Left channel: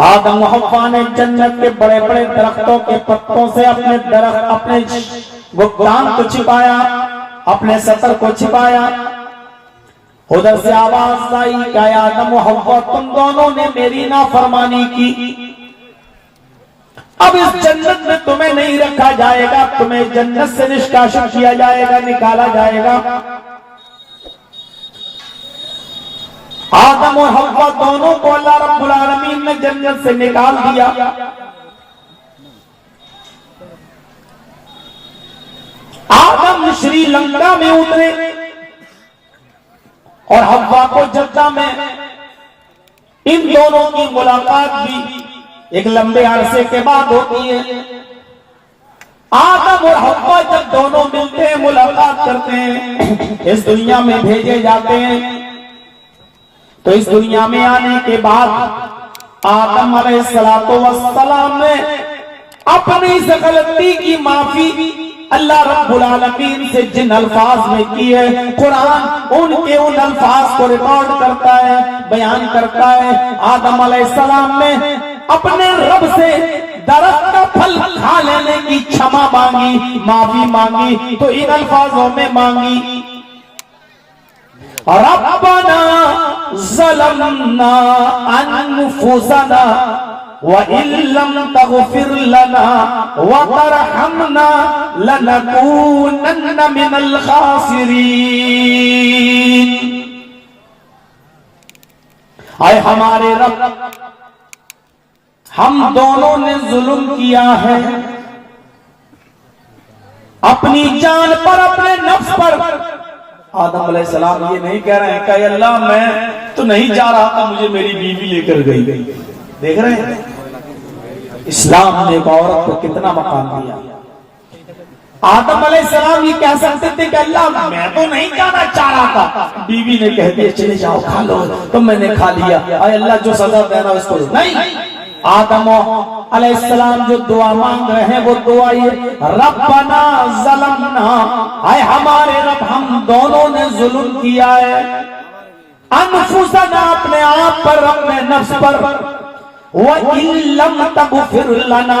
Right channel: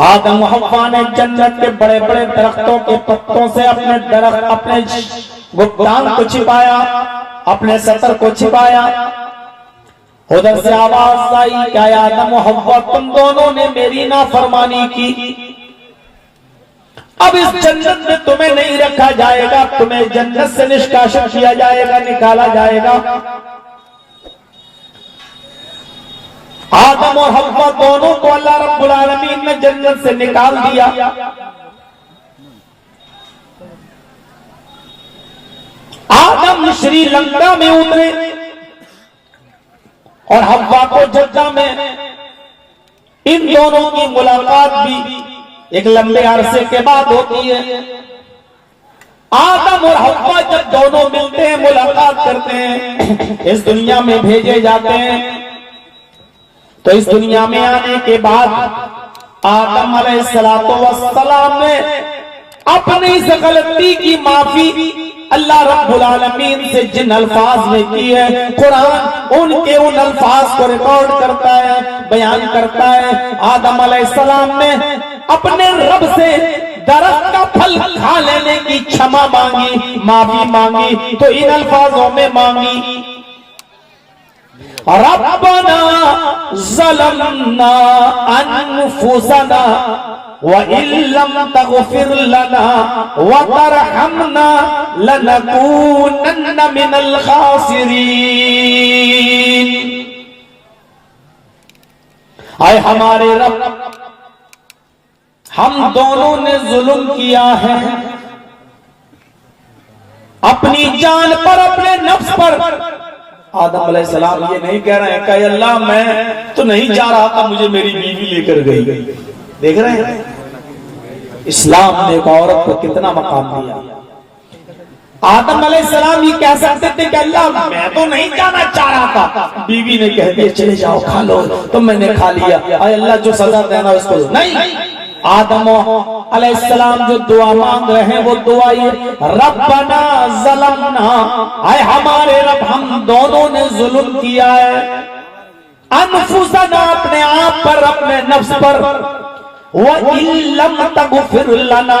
आदम हव्वा ने जन्नत के बड़े बड़े दरख्तों के पत्तों से अपने गुप्तान को छिपाया, अपने सतर को छिपाया। उधर से आवाज आई, क्या आदम हव्वा तुम दोनों ने मेरी नाफरमानी की, अब इस जन्नत में तुम्हें नहीं रखा जाएगा, तुम्हें जन्नत से निष्कासित किया जाएगा, निकाला जाएगा। आदम और हव्वा दोनों को अल्लाह रब्बुल आलमीन ने जन्नत से निकाल दिया। आदम श्रीलंका में उतरे और हव्वा को जद्दा में। इन दोनों की मुलाकात भी एक लंबे अरसे के बाद होती है। आदम और हव्वा जब दोनों मिलते हैं, मुलाकात करते हैं, इस दुनिया में भेजे जाते हैं। तो इस दुनिया में आने के बाद आदम अलैहिस्सलातो वस्सलाम ने अपनी इस गलती की माफी अल्लाह रब्बुल आलमीन से जिन अल्फाज में की है, कुरान उनके उन अल्फाज को रिकॉर्ड करता है, बयान करता है। आदम अलैहिस्सलाम ने अपने रब से दरख्त का फल खा लेने की क्षमा मांगी, माफी मांगी, तो इन अल्फाजों में मांगी, रब्बना ज़लमना अनफुसना व इल्लम तग़फिर लना व तरहमना लनकूनन्न मिनल खासिरीन। आए हमारे रब, हम दोनों ने जुल्म किया है अपनी जान पर, अपने नफ्स पर। आदम अलैहिस्सलाम ये नहीं कह रहे हैं कि अल्लाह मैं तो नहीं जा रहा था, मुझे मेरी बीवी लेकर गई। देख रहे हैं इस्लाम ने एक औरत को कितना मकाम दिया। आदम अलैहिस्सलाम ये कह सकते थे कि अल्लाह मैं तो नहीं जाना चाह रहा था, बीवी ने कह दिया चले जाओ खा लो, तो मैंने खा लिया, अल्लाह जो सजा देना उसको नहीं। आदम अलैहिस्सलाम जो दुआ मांग रहे हैं वो दुआ ये, रब्बना ज़लमना, आए हमारे रब हम दोनों ने जुल्म किया है, अनफुसना अपने आप पर, अपने नफ्स पर, व इल्लम तग़फिर लना,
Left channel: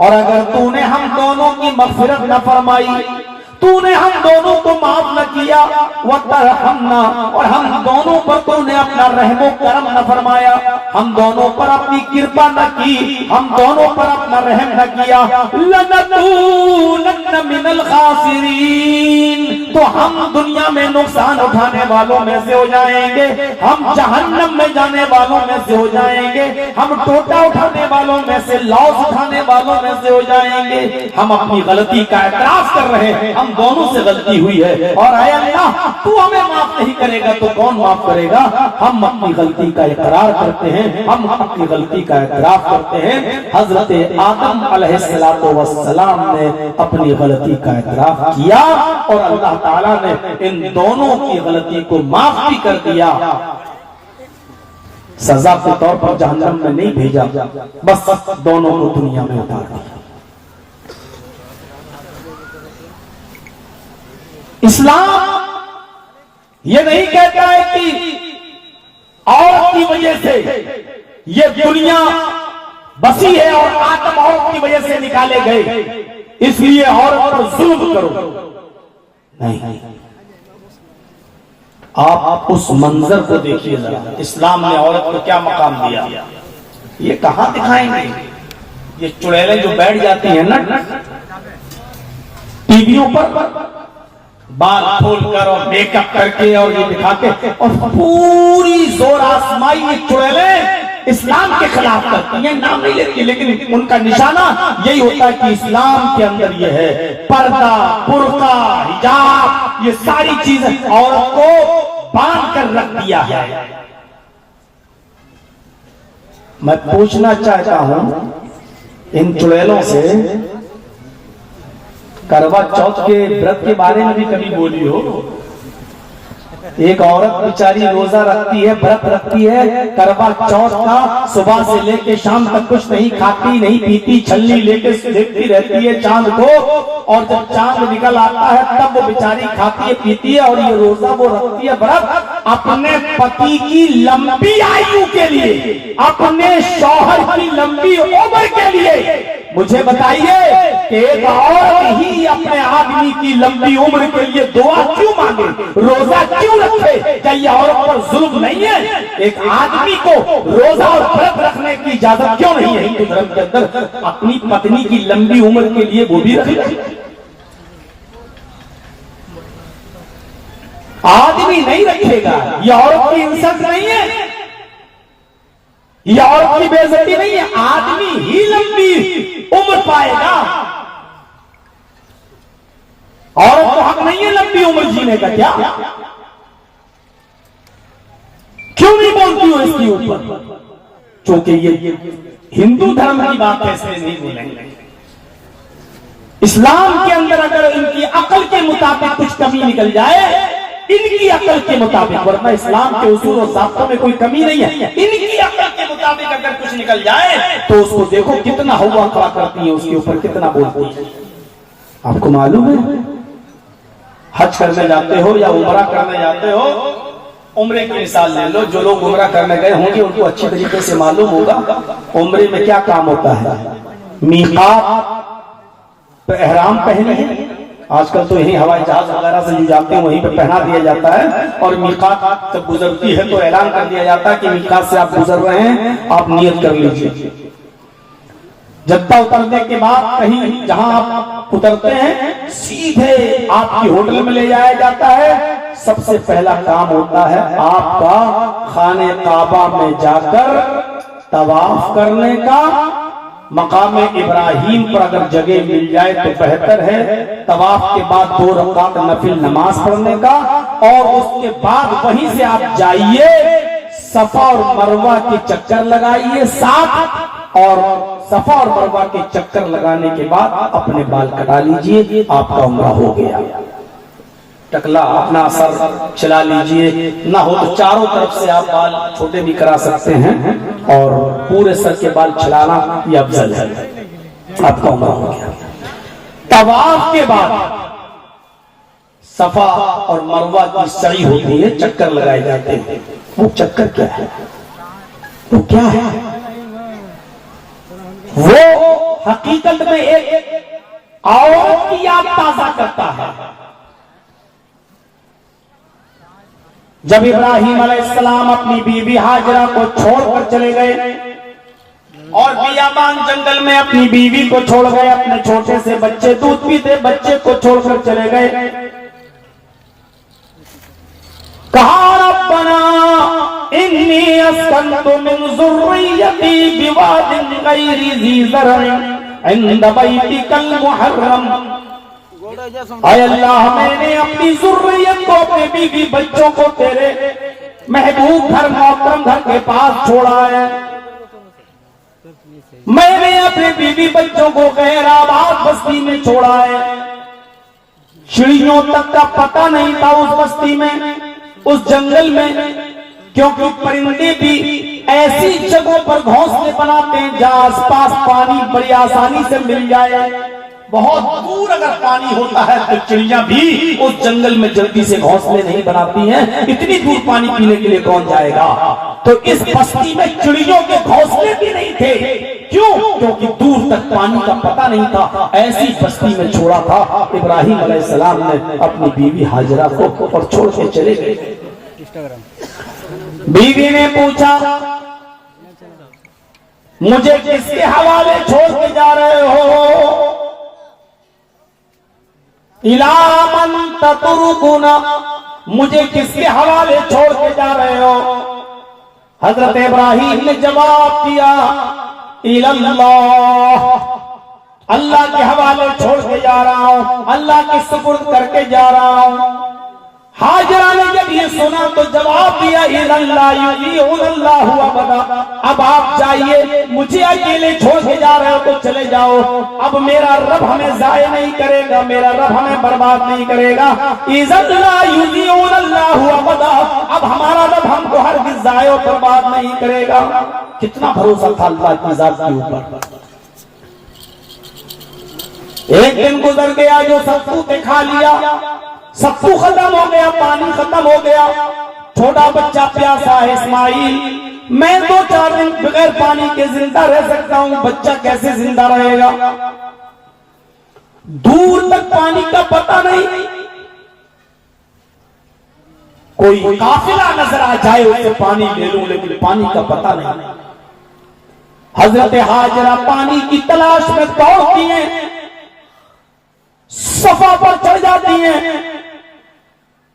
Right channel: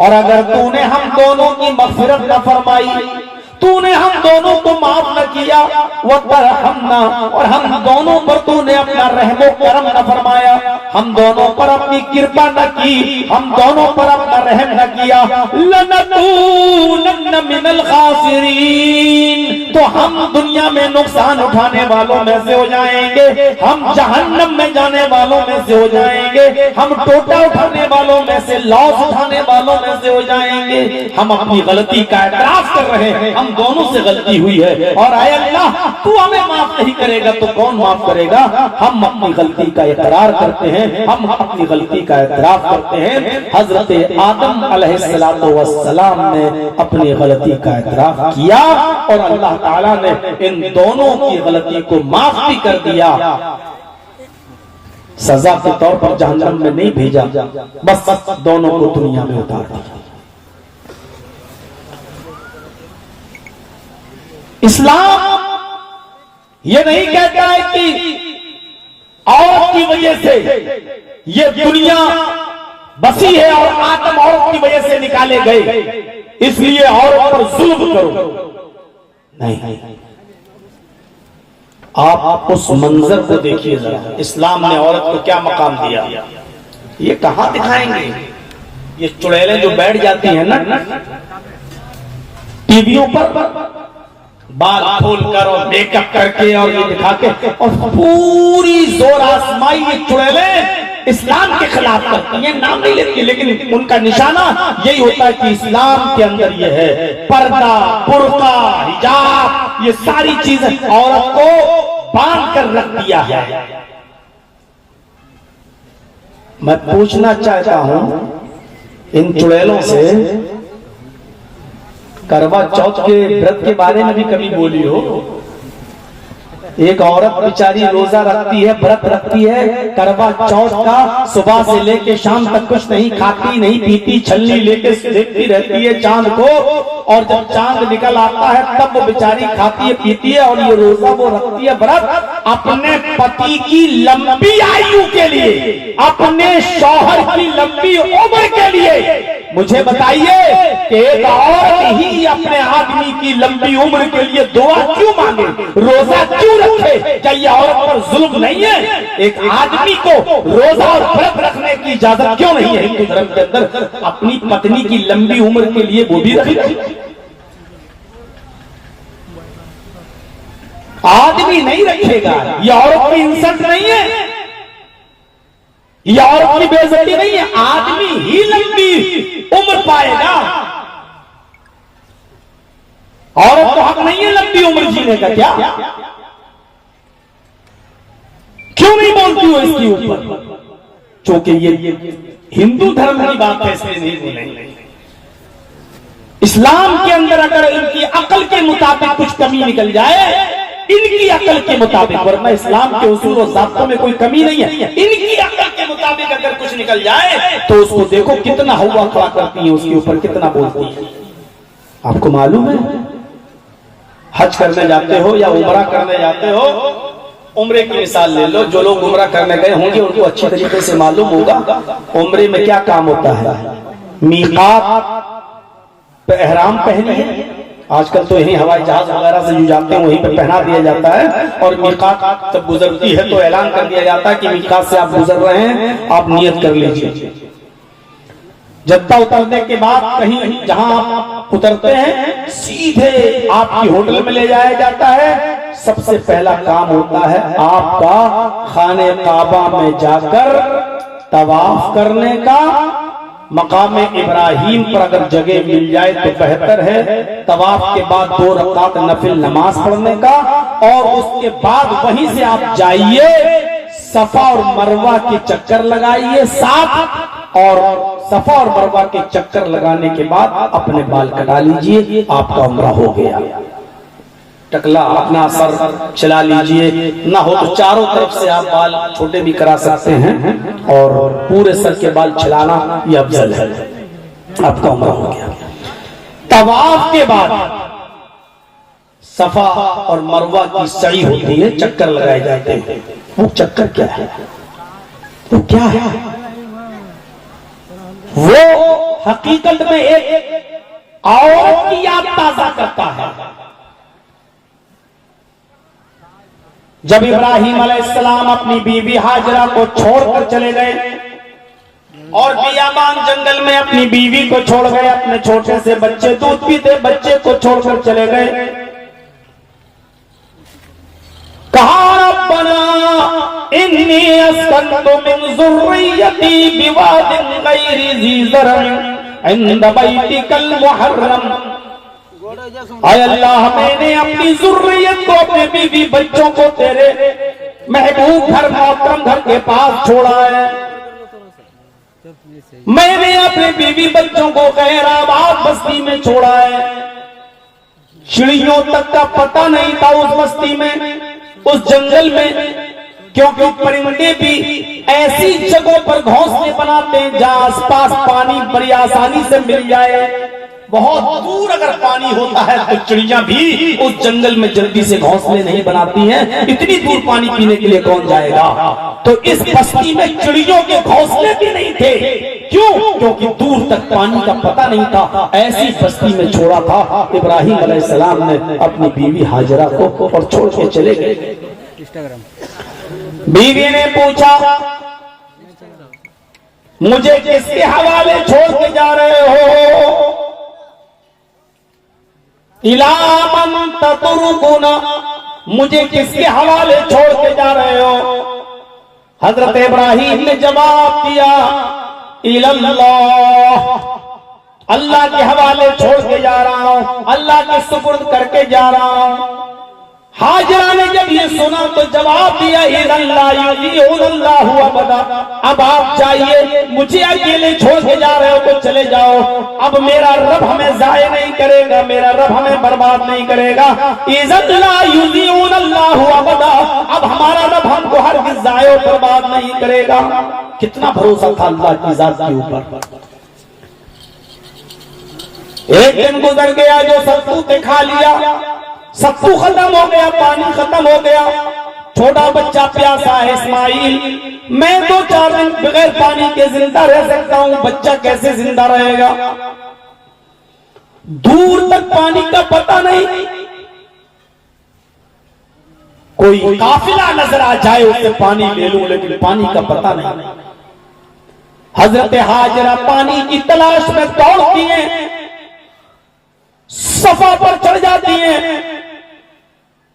और अगर तूने हम दोनों की मग़फ़िरत न फरमाई, तूने हम दोनों को माफ न किया, वो तरहमना, और हम दोनों पर तूने अपना रहमो करम न फरमाया, हम दोनों पर अपनी कृपा न की, हम दोनों पर अपना रहम न किया, लनकूनन्न मिनल खासिरीन, तो हम दुनिया में नुकसान उठाने वालों में से हो जाएंगे, हम जहन्नम में जाने वालों में से हो जाएंगे, हम टोटा उठाने वालों में से, लॉस उठाने वालों में से हो जाएंगे। हम अपनी गलती का एतराज कर रहे हैं, हम दोनों से गलती हुई है, और आया अल्लाह तू हमें माफ नहीं करेगा तो कौन माफ करेगा। हम अपनी गलती का इकरार करते हैं, हम अपनी गलती का एतराफ करते हैं। हजरत आदम अलैहिस्सलातो वस्सलाम ने अपनी गलती का एतराफ किया और अल्लाह ताला ने इन दोनों की गलती को माफ भी कर दिया। सजा के तौर पर जहन्नम में नहीं भेजा, बस दोनों को दुनिया में उतार दिया। इस्लाम ये नहीं कहता है कि औरत की वजह से ये दुनिया बसी है और आदम औरत की वजह से निकाले गए, इसलिए औरत पर जुल्म करो। नहीं, आप उस मंजर को देखिए जरा, इस्लाम ने औरत को क्या मकाम दिया। ये कहां दिखाएंगे, ये चुड़ैलें जो बैठ जाती हैं ना टीवियों पर, बाल खोलकर और मेकअप करके और ये दिखा के, और पूरी जोर आजमाई ये चुड़ैलें इस्लाम के खिलाफ करती हैं। नाम नहीं लेती, लेकिन उनका निशाना यही होता है कि इस्लाम के अंदर ये है, पर्दा, बुर्का, हिजाब, ये सारी चीजें औरत को बांध कर रख दिया है। मैं पूछना चाहता हूं इन चुड़ैलों से, करवा चौथ के व्रत के बारे में भी कभी बोली हो? एक औरत बेचारी रोजा रखती है, व्रत रखती है, करवा चौथ का, सुबह से लेके शाम तक कुछ नहीं खाती नहीं पीती, छलनी लेके देखती रहती है चांद को, और जब चांद निकल आता है तब वो बेचारी खाती है पीती है, और ये रोजा वो रखती है व्रत अपने पति की लंबी आयु के लिए, अपने शौहर की लंबी उम्र के लिए। मुझे बताइए कि एक औरत ही अपने आदमी की लंबी उम्र के लिए दुआ क्यों मांगे, रोजा क्यों रखे? क्या ये औरत पर जुल्म नहीं है? एक आदमी को रोजा और व्रत रखने की इजाजत क्यों नहीं है हिंदू धर्म के अंदर? अपनी पत्नी की लंबी उम्र के लिए वो भी रखे। आदमी नहीं रखेगा, यह औरत की इंसल्ट नहीं है, यह औरत की बेइज्जती नहीं है, आदमी ही लंबी उम्र पाएगा। औरत को हक नहीं है लंबी उम्र जीने का? क्या क्यों नहीं बोलती हो इसके ऊपर? क्योंकि ये हिंदू धर्म की बात ऐसे नहीं बोलेंगे। इस्लाम के अंदर अगर इनकी अकल के मुताबिक कुछ कमी निकल जाए, इनकी अकल के मुताबिक, वरना इस्लाम के उसूल और ज़ाब्तों में कोई कमी नहीं है, इनकी अकल के मुताबिक अगर कुछ निकल जाए तो उसको देखो कितना हुआ खड़ा करती है, उसके ऊपर कितना बोलती है। आपको मालूम है, हज करने जाते हो या उमरा करने जाते हो, उम्रे की मिसाल ले लो, जो लोग उमरा करने गए होंगे उनको अच्छी तरीके से मालूम होगा उम्रे में क्या काम होता है। मीकात पे एहराम पहने हैं, आजकल तो यही हवाई जहाज वगैरह से जो जाते हैं वहीं पे पहना दिया जाता है, और मीकात जब गुजरती है तो ऐलान कर दिया जाता है कि मीकात से आप गुजर रहे हैं, आप नियत कर लीजिए। जद्दा उतरने के बाद कहीं जहां आप उतरते हैं सीधे आपकी होटल में ले जाया जाता है। सबसे पहला काम होता है आपका खाने काबा में जाकर तवाफ करने का। मकाम इब्राहिम पर अगर जगह मिल जाए तो बेहतर है। तवाफ के बाद 2 रकात नफिल नमाज पढ़ने का, और उसके बाद वहीं से आप जाइए सफा और मरवा के चक्कर लगाइए 7, और सफा और मरवा के चक्कर लगाने के बाद अपने बाल कटा लीजिए, आपका उम्रा हो गया। टकला अपना सर चला लीजिए, ना हो तो चारों तरफ से आप बाल छोटे भी करा सकते हैं, और पूरे सर के बाल चलाना ये अफजल है, आपका उम्र हो गया। तवाफ के बाद सफा और मरवा की सई होती है, चक्कर लगाए जाते हैं। वो चक्कर क्या है? वो क्या है? वो हकीकत में एक औरत की याद ताजा करता है। जब इब्राहिम अलैहिस्सलाम अपनी बीवी हाजरा को छोड़कर चले गए और बियाबान जंगल में अपनी बीवी को छोड़ गए, अपने छोटे से बच्चे दूध पीते बच्चे को छोड़कर चले गए, कहा रब्बना इन्नी अस्कन्तु मिन ज़ुर्रिय्यती बिवादिन गैरि ज़ी ज़रअन इंद बैतिकल मुहर्रम। अल्लाह, मैंने अपनी ज़ुर्रियत को, अपने बीवी बच्चों को तेरे महबूब घर मोहतरम घर के पास छोड़ा है। मैंने अपने बीवी बच्चों को गैर आबाद बस्ती में छोड़ा है। चिड़ियों तक का पता नहीं था उस बस्ती में, उस जंगल में, क्योंकि परिंदे भी ऐसी जगहों पर घोंसले बनाते हैं जहां आसपास पानी बड़ी आसानी से मिल जाए। बहुत दूर अगर पानी होता है तो चिड़िया भी उस जंगल में जल्दी से घोंसले नहीं बनाती हैं, इतनी दूर पानी पीने के लिए कौन जाएगा। तो इस बस्ती में चिड़ियों के घोंसले भी नहीं थे। क्यों? क्योंकि दूर तक पानी का पता नहीं था। ऐसी बस्ती में छोड़ा था इब्राहिम अलैहिस्सलाम ने अपनी बीवी हाजरा को, और छोड़ के चले गए। बीवी ने पूछा, मुझे किसके हवाले छोड़ के जा रहे हो? इला मन ततरुकुना, मुझे किसके हवाले छोड़ के जा रहे हो? हजरत इब्राहिम ने जवाब दिया, इल्लल्लाह, अल्लाह के हवाले छोड़ के जा रहा हूं, अल्लाह के सुपुर्द करके जा रहा हूं। हाजरा ने जब ये सुना तो जवाब दिया, अब आप जाइए, मुझे अकेले छोड़ के जा रहे हो तो चले जाओ। अब मेरा रब हमें जाये नहीं करेगा, मेरा रब हमें बर्बाद नहीं करेगा। अब हमारा रब हमको हरगिज़ जाये और बर्बाद नहीं करेगा। कितना भरोसा था अल्लाह की जात के ऊपर। एक दिन गुजर गया, जो सत्तू पे खा लिया, सत्तू खत्म हो गया, पानी खत्म हो गया। छोटा बच्चा प्यासा है इस्माइल, मैं 2-4 दिन बगैर पानी के जिंदा रह सकता हूं, बच्चा कैसे जिंदा रहेगा? दूर तक पानी का पता नहीं, कोई काफिला नजर आ जाए उसे पानी ले लूं, लेकिन पानी का पता नहीं। हजरत हाजरा पानी की तलाश में दौड़ती हैं, सफा पर चढ़ जाती हैं,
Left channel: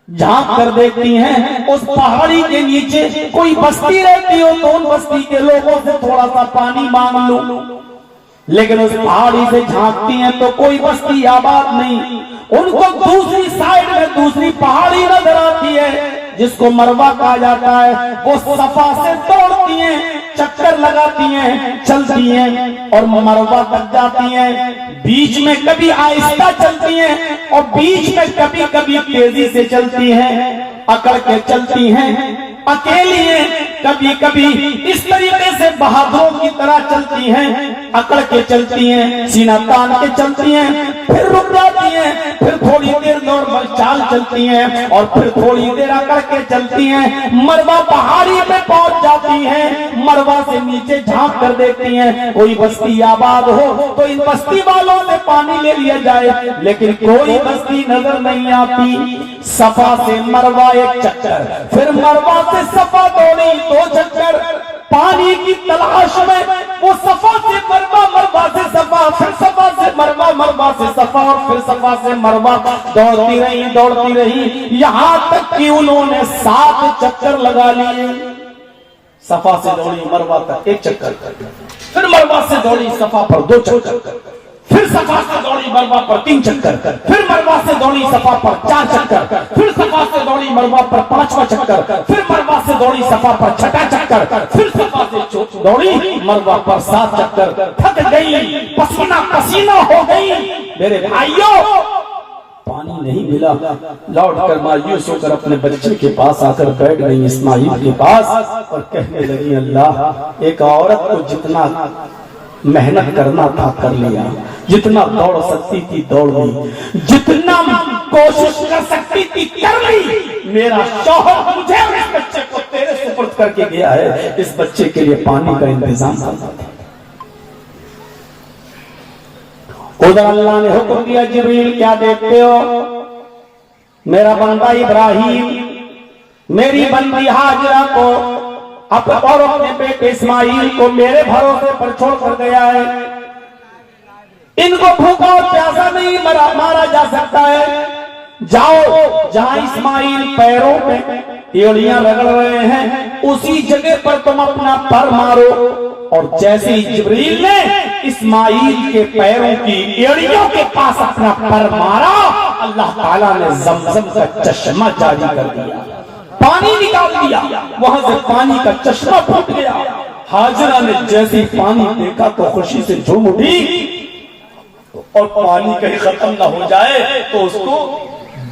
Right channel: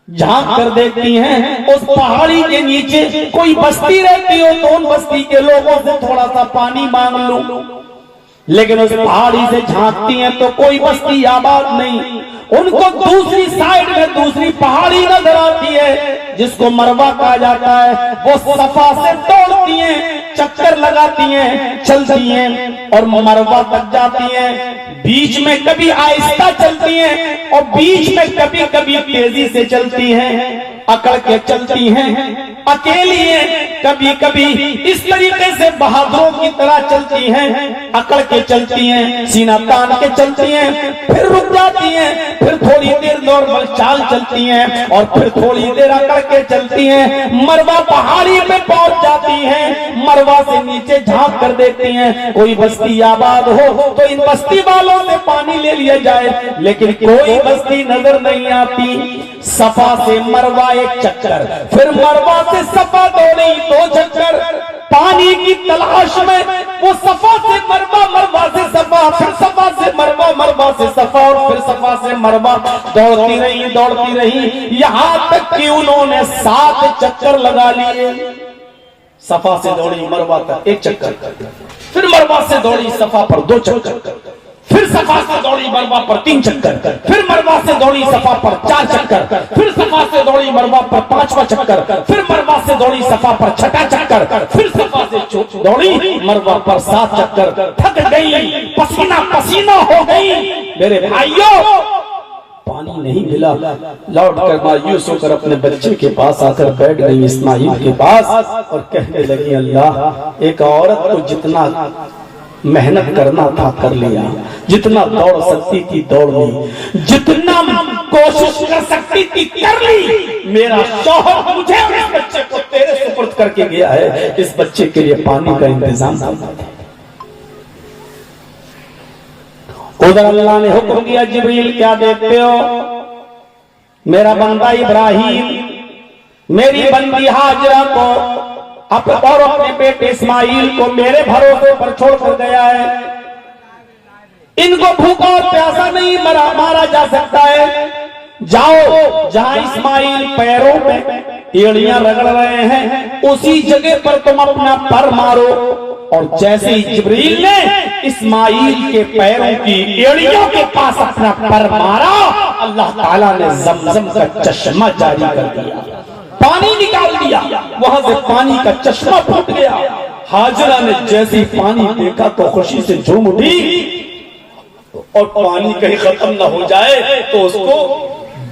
झांक कर देखती हैं उस पहाड़ी के नीचे कोई बस्ती रहती हो तो उन बस्ती के लोगों से थोड़ा सा पानी मांग लूं, लेकिन उस पहाड़ी से झांकती हैं तो कोई बस्ती आबाद नहीं। उनको दूसरी साइड में दूसरी पहाड़ी नजर आती है जिसको मरवा कहा जाता है। वो सफा से दौड़ती हैं, चक्कर लगाती हैं, चलती हैं और मरवा तक जाती हैं। बीच में कभी आहिस्ता चलती हैं और बीच में कभी कभी तेजी से चलती हैं, अकड़ के चलती हैं, अकेली हैं, कभी कभी इस तरीके से बहादुरों की तरह चलती हैं, अकड़ के चलती हैं, सीना तान के चलती हैं, फिर रुक जाती हैं, फिर थोड़ी देर नॉर्मल चाल चलती हैं और फिर थोड़ी देर अकड़ के चलती हैं। मरवा पहाड़ी पे पहुंच जाती हैं, मरवा से नीचे झांक कर देखती हैं कोई बस्ती आबाद हो तो इन बस्ती वालों से पानी ले लिया जाए, लेकिन कोई बस्ती नजर नहीं आती। सफा से मरवा एक चक्कर, फिर मरवा से सफा दौड़ी 2 चक्कर, पानी की तलाश में वो सफा से मरवा, मरवा से सफा, फिर सफा से मरवा, मरवा से सफा और फिर सफा से मरवा, दौड़ती रही यहां तक कि उन्होंने 7 चक्कर लगा लिए। सफा से दौड़ी मरवा तक 1 चक्कर, फिर मरवा से दौड़ी सफा पर 2 चक्कर, फिर सफा से दौड़ी मरवा पर 3 चक्कर, फिर मरवा से दौड़ी सफा पर 4 चक्कर, फिर सफा से दौड़ी मरवा पर 5वां चक्कर, फिर मरवा से दौड़ी सफा पर 6वां चक्कर, फिर सफा से दौड़ी मरवा पर 7 चक्कर। थक गई, पसीना पसीना हो गई। मेरे भाइयों, पानी नहीं मिला, लौट कर मायूस होकर अपने बच्चे के पास आकर बैठ गई इस्माइल के पास और कहने लगी, अल्लाह, एक औरत को जितना मेहनत करना था कर लिया, जितना दौड़ सकती थी दौड़ ली, जितना कोशिश कर सकती थी कर ली। मेरा शौहर मुझे और इस बच्चे को तेरे सुपुर्द करके गया है, इस बच्चे के लिए पानी का इंतजाम करना था। उधर अल्लाह ने हुक्म दिया, जिब्रील क्या देखते हो? मेरा बंदा इब्राहिम मेरी बंदी हाजरा को और अपने बेटे इस्माइल को मेरे भरोसे पर छोड़कर गया है। इनको भूखा और प्यासा नहीं मारा जा सकता है। जाओ, जहां इस्माइल पैरों में एड़ियां रगड़ रहे हैं उसी जगह पर तुम अपना पर मारो। और जैसे ही जिब्रील ने इस्माइल के पैरों की एड़ियों के पास अपना पर मारा, अल्लाह ताला ने जमजम का चश्मा जारी कर दिया, पानी निकाल दिया, वहां से पानी का चश्मा फूट गया। हाजरा ने जैसे ही पानी देखा तो खुशी से झूम उठी और पानी कहीं खत्म ना हो जाए तो उसको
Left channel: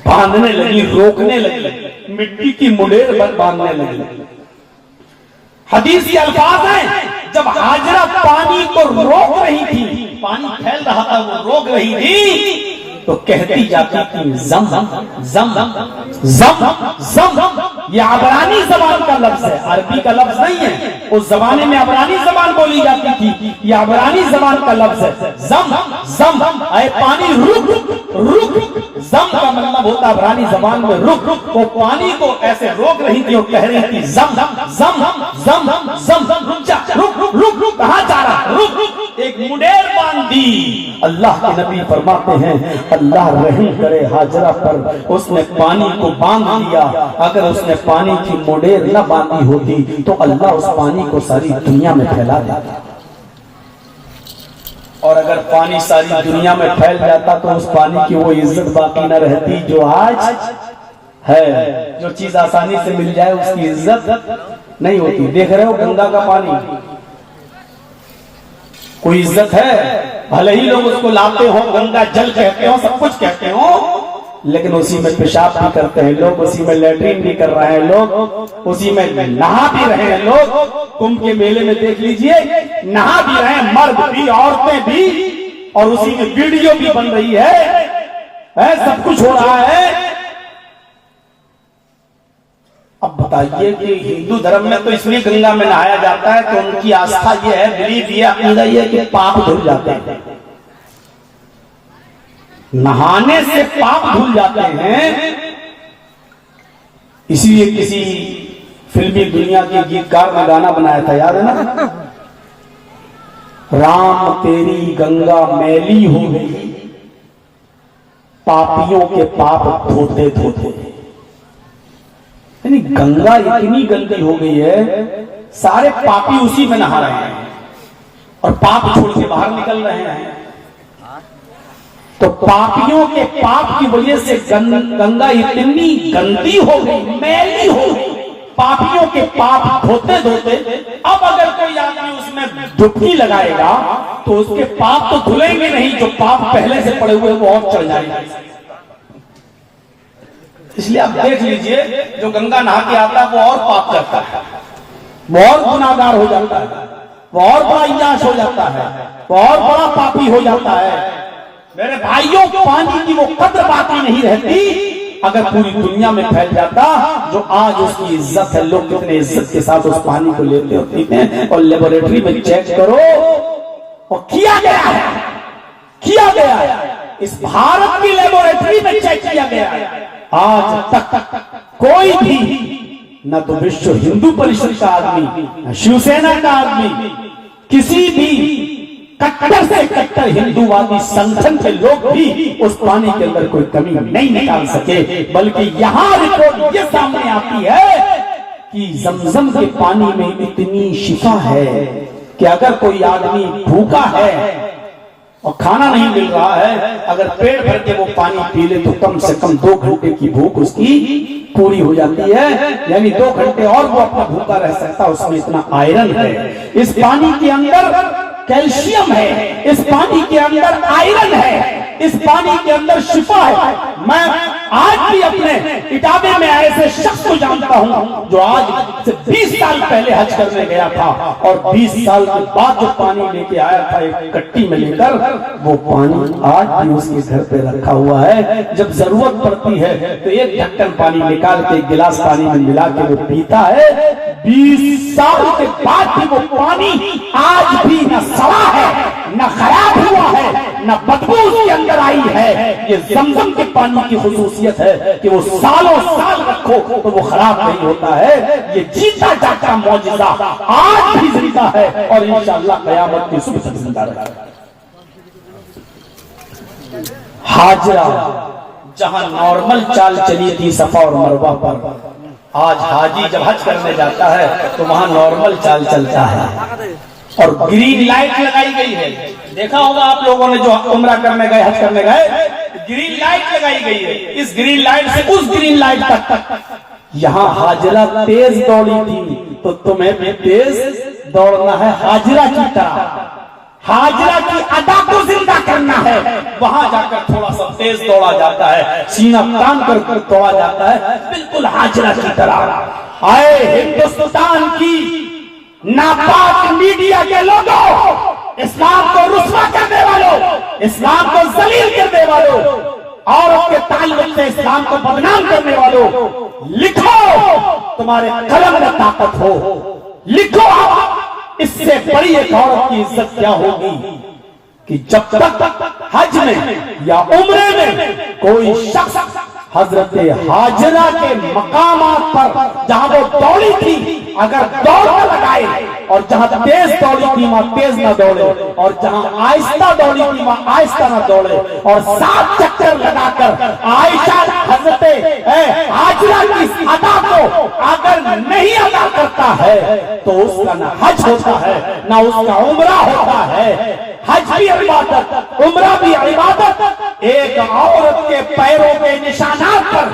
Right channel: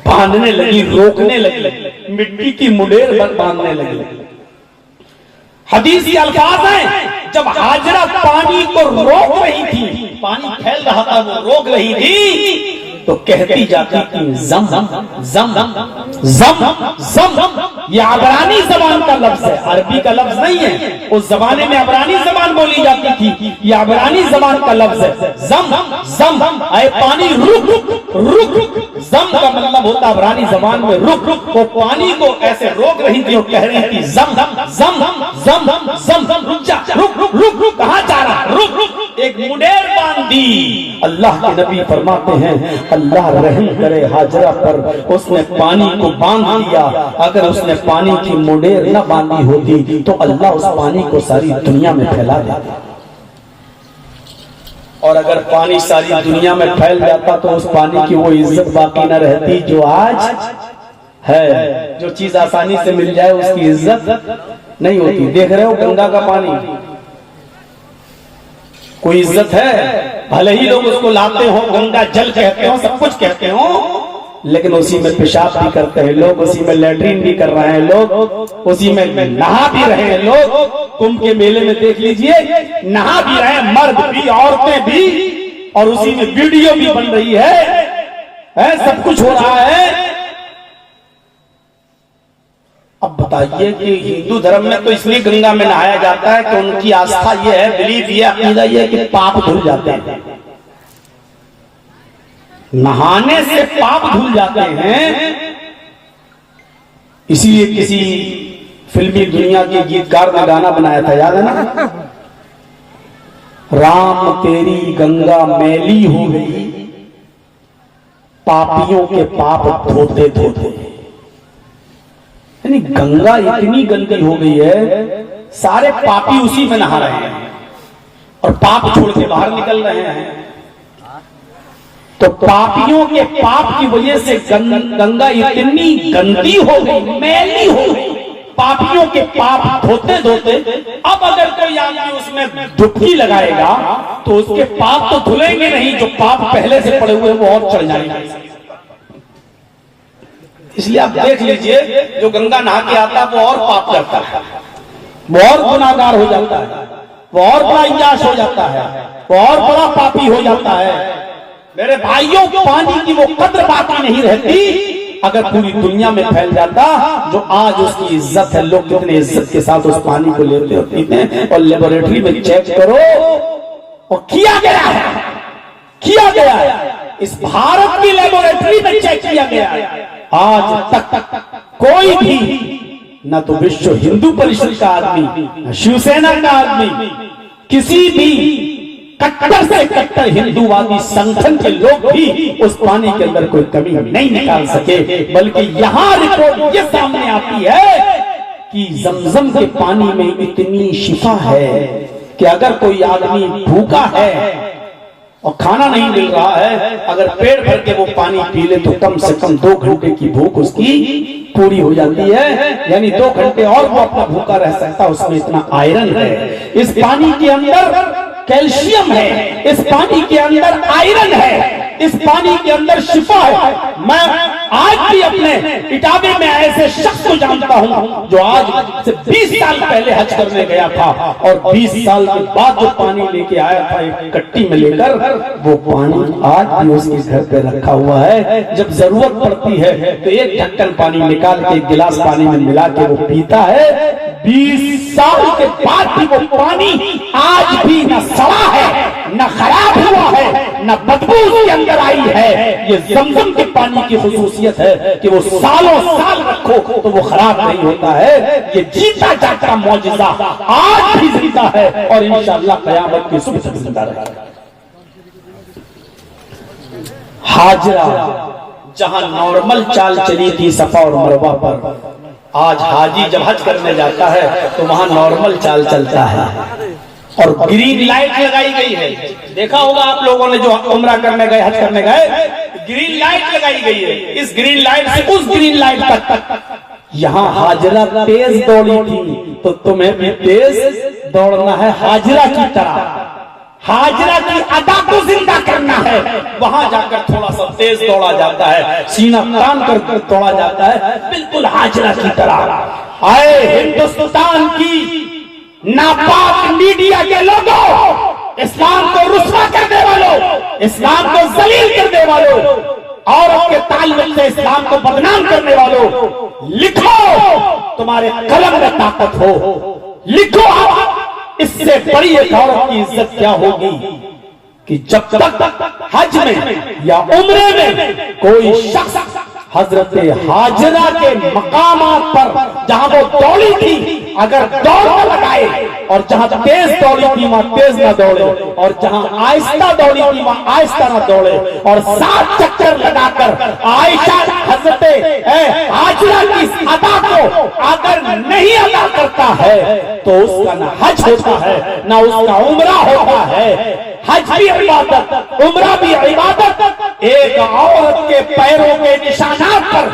बांधने लगी, रोकने लगी, मिट्टी की मुडेर बांधने लगी। हदीस के अल्फाज हैं, जब हाजरा पानी को रोक रही थी, पानी फैल रहा था वो रोक रही थी, तो कहती जाती थी जम जम जम जम जम। ये अबरानी जबान का लफ्ज है, अरबी का लफ्ज नहीं है। उस जमाने में अबरानी जबान बोली जाती थी, ये अबरानी जबान का लफ्ज है। जम जम, अरे पानी रुक रुक रुक। जम का मतलब होता अबरानी जबान में रुक रुक। वो पानी को ऐसे रोक रही थी और कह रही थी जम जम जम जम जम, रुक जा, रुक रुक रुक रुक, कहां जा रहा, रुक रुक। एक मुडेर बांध दी। अल्लाह के नबी फरमाते हैं, अल्लाह रहम करे हाजरा पर, उसने पानी को बांध दिया। अगर उसने पानी की मुडेर न बांधी होती तो अल्लाह उस पानी को सारी दुनिया में फैला देता। और अगर पानी सारी दुनिया में फैल जाता तो उस पानी की वो इज्जत बाकी न रहती जो आज है। जो चीज आसानी से मिल जाए उसकी इज्जत नहीं होती। देख रहे हो गंगा का पानी, कोई इज्जत है? भले ही लोग उसको लाते हो, गंगा जल कहते हो, सब कुछ कहते हो, लेकिन उसी में पेशाब भी करते हैं लोग, उसी में लैट्रिन भी कर रहे हैं लोग, उसी में नहा भी रहे हैं लोग। कुंभ के मेले में देख लीजिए, नहा भी रहे हैं मर्द भी औरतें भी, और उसी में वीडियो भी बन रही है, सब कुछ हो रहा है। अब बताइए कि हिंदू धर्म में तो इसलिए गंगा में नहाया जाता है कि उनकी आस्था ये है, बिलीव ये, अकीदा ये है कि पाप धुल जाते हैं। नहाने से पाप धुल जाते हैं। इसीलिए किसी फिल्मी दुनिया के गीतकार ने गाना बनाया था, याद है ना? राम तेरी गंगा मैली हो गई, पापियों के पाप धोते धोते। यानी गंगा इतनी गंदी हो गई है, सारे पापी उसी में नहा रहे हैं और पाप छोड़ के बाहर निकल रहे हैं। तो पापियों के पाप की वजह से गंगा इतनी गंदी हो गई, मैली हो गई, पापियों के पाप धोते धोते। अब अगर कोई आदमी उसमें डुबकी लगाएगा तो उसके पाप तो धुलेंगे नहीं, जो पाप पहले से पड़े हुए वो और चढ़ जाएंगे। इसलिए आप देख लीजिए, जो गंगा नहा के आता है वो और पाप करता है, वो और गुनाहगार हो जाता है, वो और बड़ा इंजाश हो जाता है, वो और बड़ा पापी हो जाता है। मेरे भाइयों, पानी की वो कद्र बाकी नहीं रहती अगर पूरी दुनिया में फैल जाता। जो आज उसकी इज्जत है, लोग कितने इज्जत के साथ उस पानी को लेते और पीते हैं। और लेबोरेटरी में चेक करो, और किया गया है, इस भारत की लेबोरेटरी में चेक किया गया है। आज तक कोई भी, न तो विश्व हिंदू परिषद का आदमी, न शिवसेना का आदमी, किसी भी कट्टर से कट्टर हिंदूवादी संगठन के लोग भी उस पानी के अंदर कोई कमी नहीं निकाल सके। बल्कि यहां रिपोर्ट ये सामने आती है कि जमजम के पानी में इतनी शिफा है कि अगर कोई आदमी भूखा है और खाना नहीं मिल रहा है, अगर पेट भर के वो पानी पी ले तो कम से कम 2 घंटे की भूख उसकी पूरी हो जाती है। यानी 2 घंटे और वो अपना भूखा रह सकता है। उसमें इतना आयरन है, इस पानी के अंदर कैल्शियम है, इस पानी के अंदर आयरन है, इस पानी के अंदर शिफा है। मैं आज भी अपने इटावे में ऐसे शख्स को जानता हूं जो आज से 20 साल पहले हज करने गया था, और 20 साल के बाद जो पानी लेके आया था एक कट्टी में लेकर, वो पानी आज भी उसके घर पे रखा हुआ है। जब जरूरत पड़ती है तो एक ढक्कन पानी निकाल के एक गिलास पानी में मिला के वो पीता है। 20 साल के बाद भी वो पानी आज भी न सड़ा है, न खराब हुआ है, न बदबू उसके अंदर आई है। ये जमजम के पानी की खुसूसियत है कि वो सालों साल रखो तो वो खराब नहीं होता है। ये जीता जाता मौजिज़ा आज भी जिंदा है और इंशाअल्लाह क़यामत की सुबह तक जिंदा रहेगा। हाजरा जहां नॉर्मल चाल चली थी सफा और मरवा पर, आज हाजी जब हज करने जाता है तो वहां नॉर्मल चाल चलता है और ग्रीन लाइट लगाई गई है। देखा होगा आप लोगों ने जो उम्रा करने गए, हज करने गए, ग्रीन लाइट लगाई गई है। इस ग्रीन लाइट से उस ग्रीन लाइट तक। यहाँ हाजरा तेज दौड़ी थी तो तुम्हें भी तेज दौड़ना है हाजरा की तरह। हाजरा की अदा को जिंदा करना है। वहां जाकर थोड़ा सा तेज दौड़ा जाता है, सीना तान कर दौड़ा जाता है, बिल्कुल हाजरा की तरह। आए हिंदुस्तान की नापाक मीडिया के लोगों, इस्लाम को रुस्वा करने वालों, इस्लाम को जलील करने वालों, औरत के ताल्लुक से इस्लाम को बदनाम करने वालों, लिखो, तुम्हारे कलम में ताकत हो, लिखो। इससे बड़ी एक औरत की इज्जत क्या होगी कि जब तक हज में या उम्रे में कोई शख्स हजरत हाजरा के मकामात पर जहां वो दौड़ी थी अगर दौड़ न लगाए, और जहां तेज दौड़ी थी वहां तेज न दौड़े, और जहां आहिस्ता दौड़ी थी वहां आहिस्ता न दौड़े, और 7 चक्कर लगाकर आयशा हजरत हाजरा की अदा को अगर नहीं अदा करता है तो उसका न हज होता है न उसका उम्रा होता है। हज भी इबादत, उम्रा भी इबादत, एक औरत के पैरों के निशानात पर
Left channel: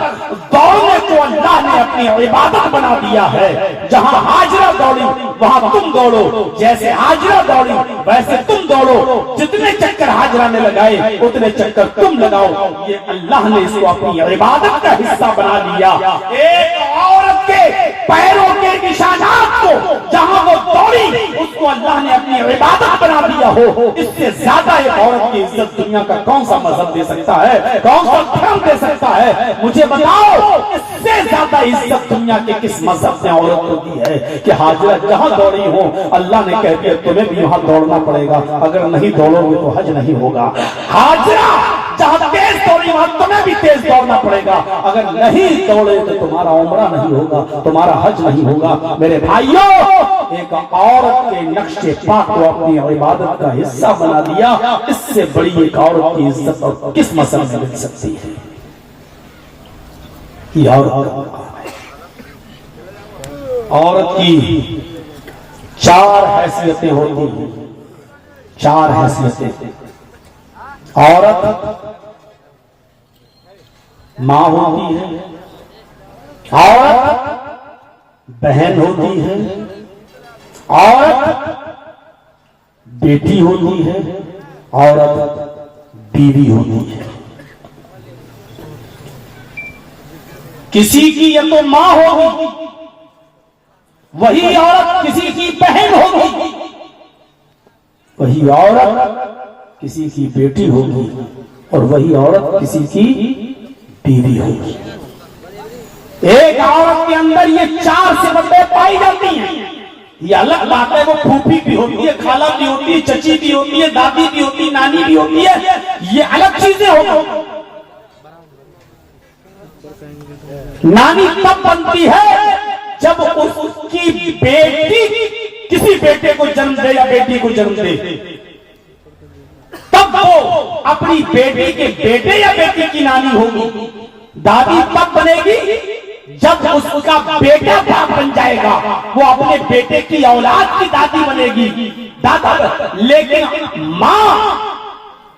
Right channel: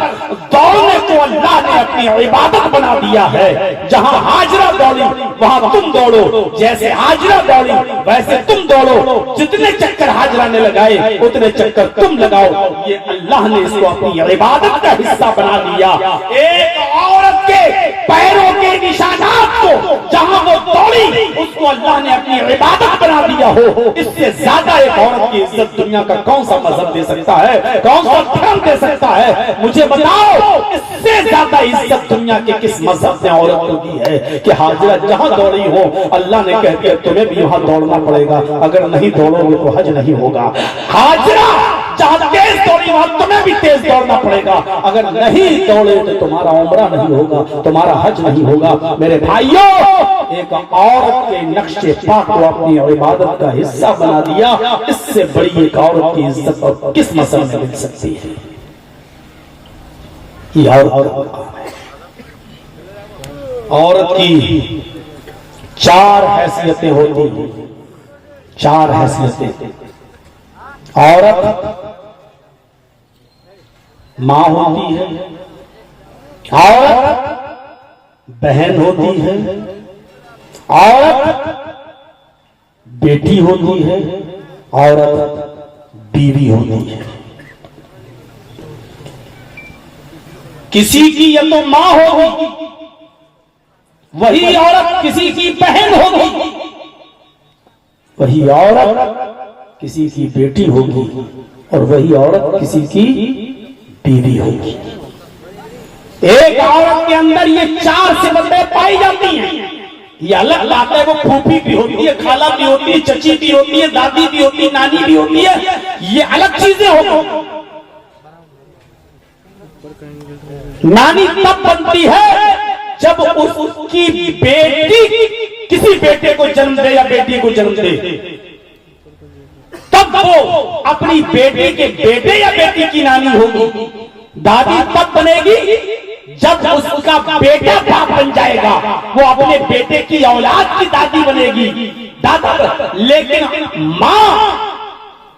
दौड़ने को अल्लाह ने अपनी इबादत बना दिया है। जहां हाजरा दौड़ी वहां तुम दौड़ो, जैसे हाजरा दौड़ी वैसे तुम दौड़ो। जितने चक्कर हाजरा ने लगाए उतने चक्कर तुम लगाओ। ये अल्लाह ने इसको अपनी इबादत का हिस्सा बना लिया। एक औरत के पैरों के निशानात को जहां वो दौड़ी उसको अल्लाह ने अपनी इबादत बना दिया हो। इससे ज्यादा एक औरत की इज्जत दुनिया का कौन सा मजहब दे सकता है, कौन सा धर्म दे सकता है? मुझे बताओ, इससे ज्यादा इज्जत दुनिया के किस मजहब ने औरत को दी है कि हाजरा जहां दौड़ी हो अल्लाह ने कह के तुम्हें भी वहां दौड़ना पड़ेगा, अगर नहीं दौड़ोगे तो हज नहीं होगा। हाजरा जहां तेज दौड़ी वहां तुम्हें भी तेज दौड़ना पड़ेगा, अगर नहीं दौड़े तो तुम्हारा उम्रा नहीं होगा, तुम्हारा हज नहीं होगा। मेरे भाइयों, एक औरत के नक्शे पाक को अपनी इबादत का हिस्सा बना दिया। इससे बड़ी एक औरत की इज्जत और किस मसले में मिल सकती है? औरत की चार हैसियतें होती हैं, चार हैसियतें। औरत मां होती है, औरत बहन होती है, औरत बेटी होती है, औरत बीवी होती है। किसी की या तो मां होगी, वही औरत किसी की बहन होगी, वही औरत किसी की बेटी होगी, और वही औरत किसी की बीवी होगी। एक औरत के अंदर ये चार सिफतें पाई जाती हैं। ये अलग बात है, वो फूफी भी होती है, खाला भी होती है, चची भी होती है, दादी भी होती है, नानी भी होती है, ये अलग चीजें होती। नानी तब बनती है जब उसकी बेटी किसी बेटे को जन्म दे या बेटी को जन्म दे, तब वो अपनी बेटे के बेटे या बेटी की नानी होगी। दादी तब बनेगी जब उसका बेटा बाप बन जाएगा, वो अपने बेटे की औलाद की दादी बनेगी, दादा। लेकिन मां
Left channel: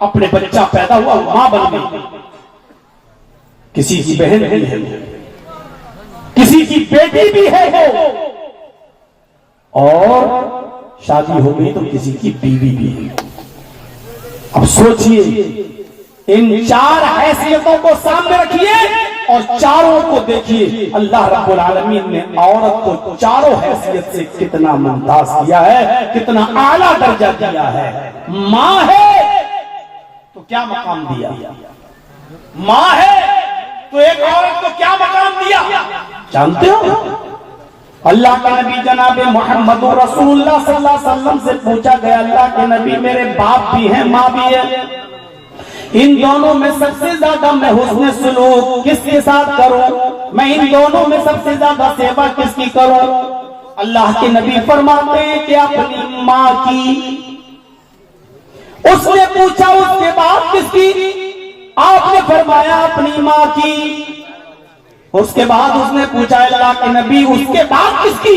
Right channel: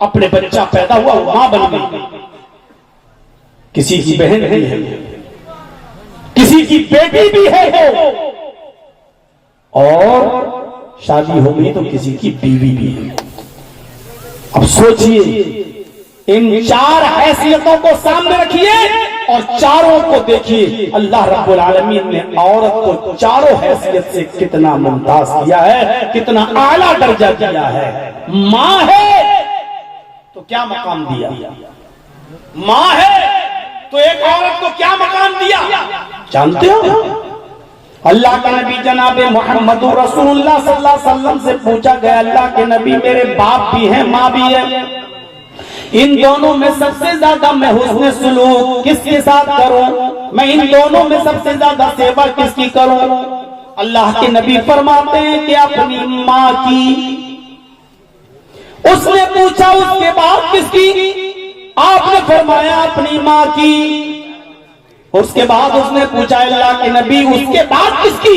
अपने बच्चा पैदा हुआ मां बन गई, किसी की बहन भी है, किसी की बेटी भी है, और शादी हो गई तो किसी की बीवी भी है। अब सोचिए, इन चार हैसियतों को सामने रखिए और चारों को देखिए। अल्लाह रब्बुल आलमीन ने औरत को चारों हैसियत से कितना मुमताज किया है, कितना आला दर्जा दिया है। मां है तो क्या मकाम दिया, मां है तो एक औरत को क्या मकाम दिया जानते हो? अल्लाह के नबी जनाब मोहम्मद रसूलुल्लाह सल्लल्लाहु अलैहि वसल्लम से पूछा गया, अल्लाह के नबी मेरे बाप भी हैं माँ भी है, इन दोनों में सबसे ज्यादा मैं हुस्न सुलूक किसके साथ करूं, मैं इन दोनों में सबसे ज्यादा सेवा किसकी करूं? अल्लाह के नबी फरमाते हैं कि अपनी माँ की। उसने पूछा उसके बाद किसकी? आपने फरमाया अपनी माँ की। उसके बाद उसने पूछा अल्लाह के नबी उसके बाद किसकी?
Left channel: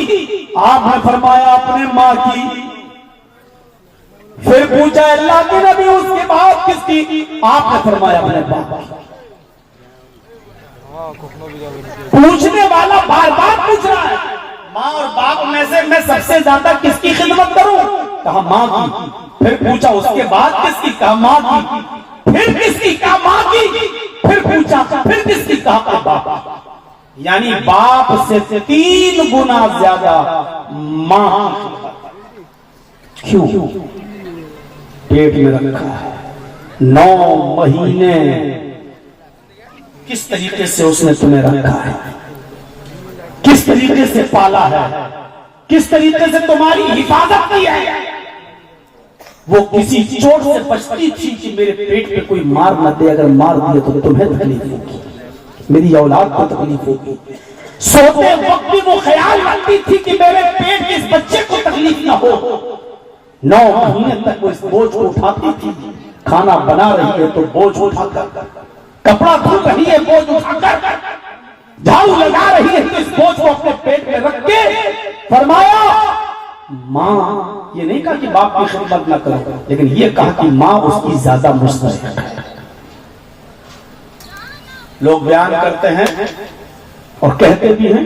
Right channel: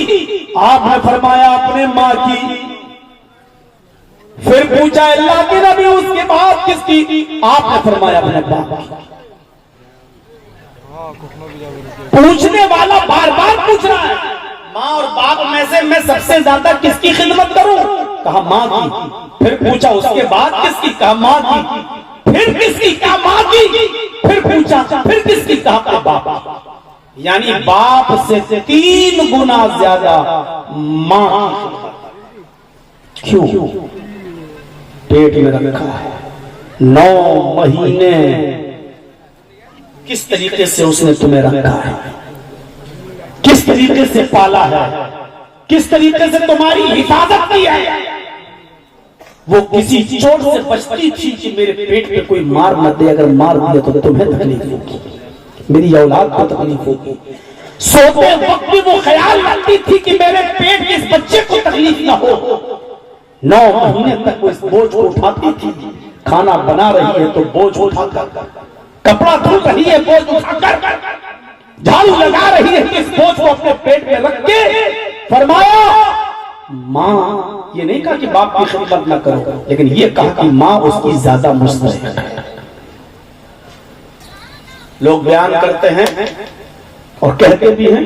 आपने फरमाया अपने माँ की। फिर पूछा अल्लाह के नबी उसके बाद किसकी? आपने फरमाया अपने बाप की। पूछने वाला बार बार पूछ रहा है, माँ और बाप में से मैं सबसे ज्यादा किसकी खिदमत करूं? कहा माँ की। फिर पूछा उसके बाद किसकी? कहा माँ की। फिर किसकी? कहा माँ की। फिर पूछा फिर किसकी? कहा बाप। यानी बाप से 3 गुना ज्यादा मां। क्यों? पेट में रखा है 9 महीने, किस तरीके से उसने तुम्हें रखा है, किस तरीके से पाला है, किस तरीके से तुम्हारी हिफाजत की है। वो किसी चोट से बचती थी कि मेरे पेट पे कोई मार मत दे, अगर मार दिया तो तुम्हें तकलीफ होगी, मेरी औलाद को तकलीफ होगी। सोते वक्त भी वो ख्याल रखती थी कि मेरे पेट के इस बच्चे को तकलीफ ना हो। 9 महीने तक वो इस बोझ को उठाती थी। खाना बना रही है तो बोझ उठाकर, कपड़ा धो रही है बोझ उठाकर, झाड़ू लगा रही है तो इस बोझ को अपने पेट में रख के फरमाया माँ। ये नहीं कहा कि बाप की खिदमत ना करो, लेकिन ये कहा कि माँ उसकी ज्यादा मुस्तहिक है। लोग बयान करते हैं और कहते भी हैं,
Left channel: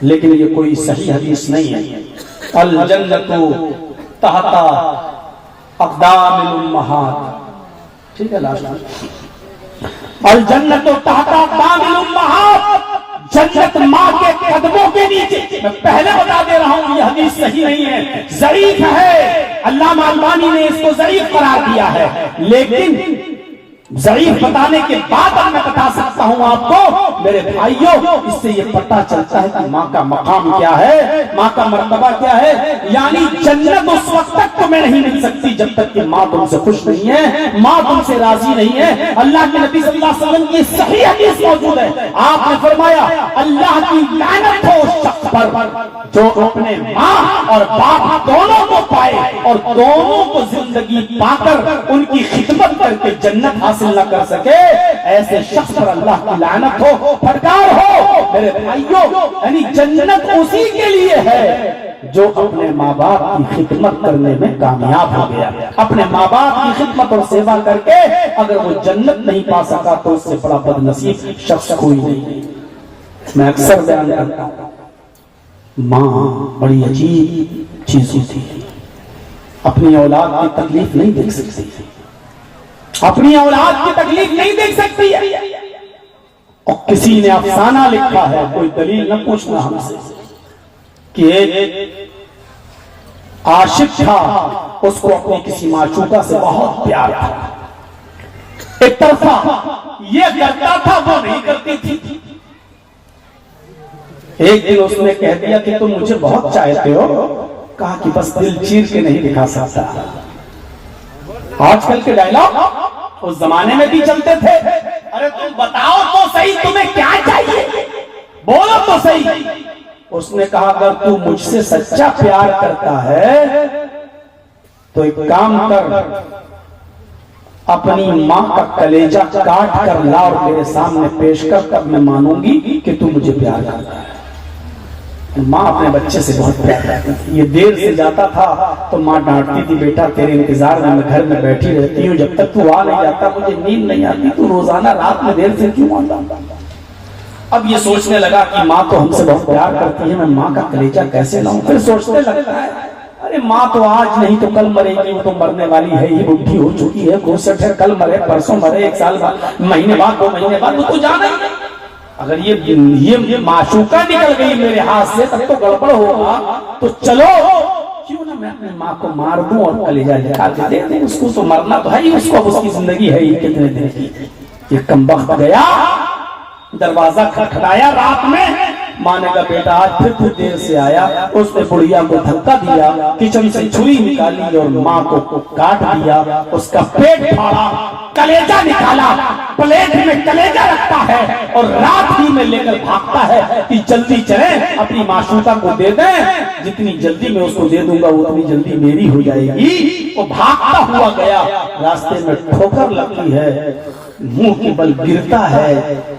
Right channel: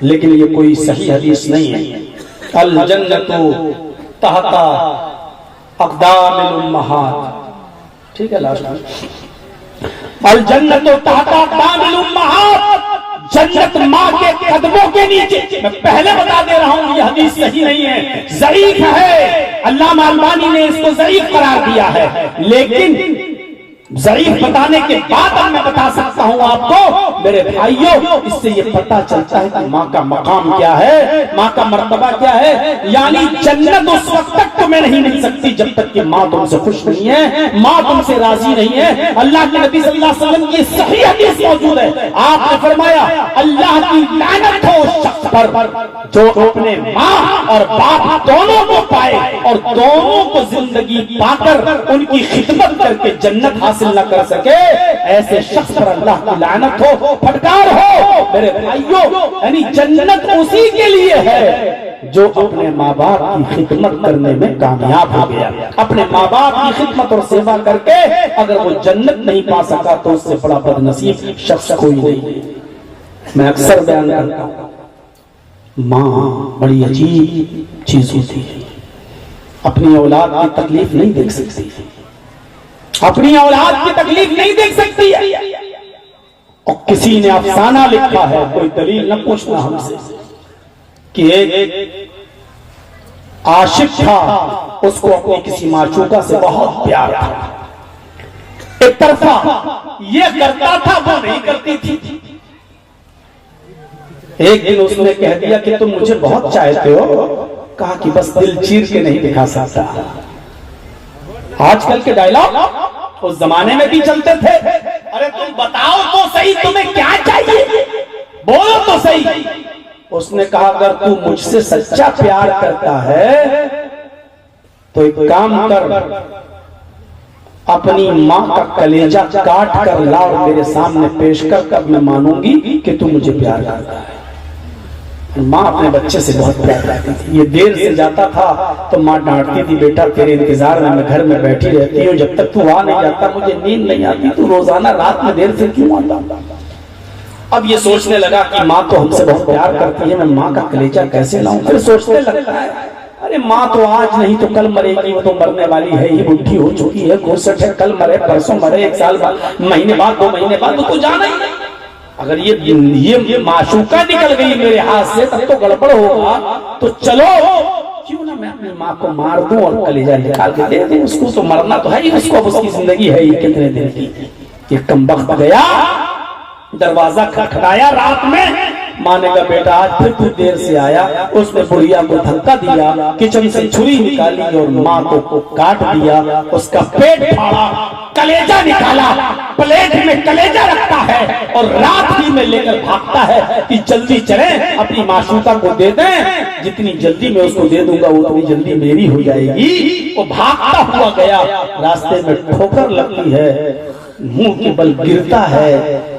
लेकिन ये कोई सही हदीस नहीं है। अल जन्नतु तहता अक़दामिल उम्महात, ठीक है, लास्ट में अल जन्नतु तहता अक़दामिल उम्महात, जन्नत माँ के कदमों के नीचे। मैं पहले बता दे रहा हूं, ये हदीस सही नहीं है, ज़ईफ है। अल्लामा अलबानी ने इसको ज़ईफ करार दिया है, लेकिन ज़ईफ बताने के बाद अब मैं बता सकता हूं आपको मेरे भाइयों, इससे ये पता चलता है कि माँ का मकाम क्या है, माँ का मर्तबा क्या है। यानी जन्नत उस वक्त तक तुम्हें नहीं मिल सकती जब तक कि माँ तुमसे खुश नहीं है, माँ तुमसे राजी नहीं है। अल्लाह के नबी सल्लल्लाहु अलैहि वसल्लम की सही हदीस मौजूद है, आपने फरमाया अल्लाह की लानत हो उस शख्स पर जो अपने माँ और बाप दोनों को पाए और दोनों को जिंदगी पाकर उनकी खिदमत करके जन्नत हासिल न कर सके। ऐसे शख्स पर अल्लाह की लानत हो, फटकार हो मेरे भाइयों। यानी जन्नत उसी के लिए है जो अपने माँ बाप की खिदमत करने में कामयाब हो गया। अपने माँ बाप की खिदमत और सेवा करके अगर वो जन्नत नहीं पा सका तो उससे बड़ा बदनसीब शख्स कोई नहीं। मैं अक्सर बयान करता हूँ, माँ बड़ी अजीब चीज होती है। अपनी औलाद की तकलीफ नहीं देख सकती, अपनी औलाद की तकलीफ नहीं देख सकती है। और किसी ने अफसाना लिखा है, कोई दलील न पूछना हमसे, कि एक आशिक था, उसको अपनी किसी माशूका से बहुत प्यार था। एक तरफा ये करता था, वो नहीं करती थी। एक दिन उसने कह दिया कि तुम मुझे बहुत चाहते हो। कहा कि बस दिल चीर के नहीं दिखा सकता। आजकल के डायलॉग उस जमाने में भी चलते थे। अरे तुम बताओ तो सही, तुम्हें क्या चाहिए, बोलो तो सही। उसने कहा अगर तू मुझसे सच्चा प्यार करता है तो एक काम कर, अपनी माँ का कलेजा काट कर ला और मेरे सामने पेश कर, तब मैं मानूंगी कि तू मुझे प्यार करता है। माँ अपने बच्चे से बहुत प्यार करती थी। ये देर से जाता था तो माँ डांटती थी, बेटा तेरे इंतजार में मैं घर में बैठी रहती हूँ, जब तक तू आ नहीं जाता मुझे नींद नहीं आती, तू रोजाना रात में देर से क्यों आता। अब ये सोचने लगा कि माँ तो हमसे बहुत प्यार करती है, मैं माँ का कलेजा कैसे लाऊं। फिर सोचने लगता है अरे माँ तो आज नहीं तो कल मरेगी, वो तो मरने वाली है ही, बुढ़ी हो चुकी है, 65 है, कल मरे परसों मरे, 1 साल बाद, महीने बाद, 2 महीने बाद, वो तो जाना ही। अगर ये माशूका निकल गई मेरे हाथ से तब तो गड़बड़ होगा। तो चलो क्यों ना मैं अपनी माँ को मार दूं और कलेजा निकाल के दे दूं, उसको तो मरना तो है ही, उसको अब उसकी जिंदगी है ही कितने दिन की। ये कमबख्त गया, दरवाजा खटखटाया रात में। माँ ने कहा बेटा आज फिर तू देर से आया। उसने बुढ़िया को धक्का दिया, किचन से छुरी निकाली और माँ को काट दिया, उसका पेट फाड़ा, कलेजा निकाला, प्लेट में कलेजा रखता है और रात ही में लेकर भागता है कि जल्दी चले अपनी माशूका को दे दें, जितनी जल्दी मैं उसको दे दूंगा उतनी जल्दी मेरी हो जाएगी। वो भागता हुआ गया, रास्ते में ठोकर लगती है, मुंह के बल गिरता है,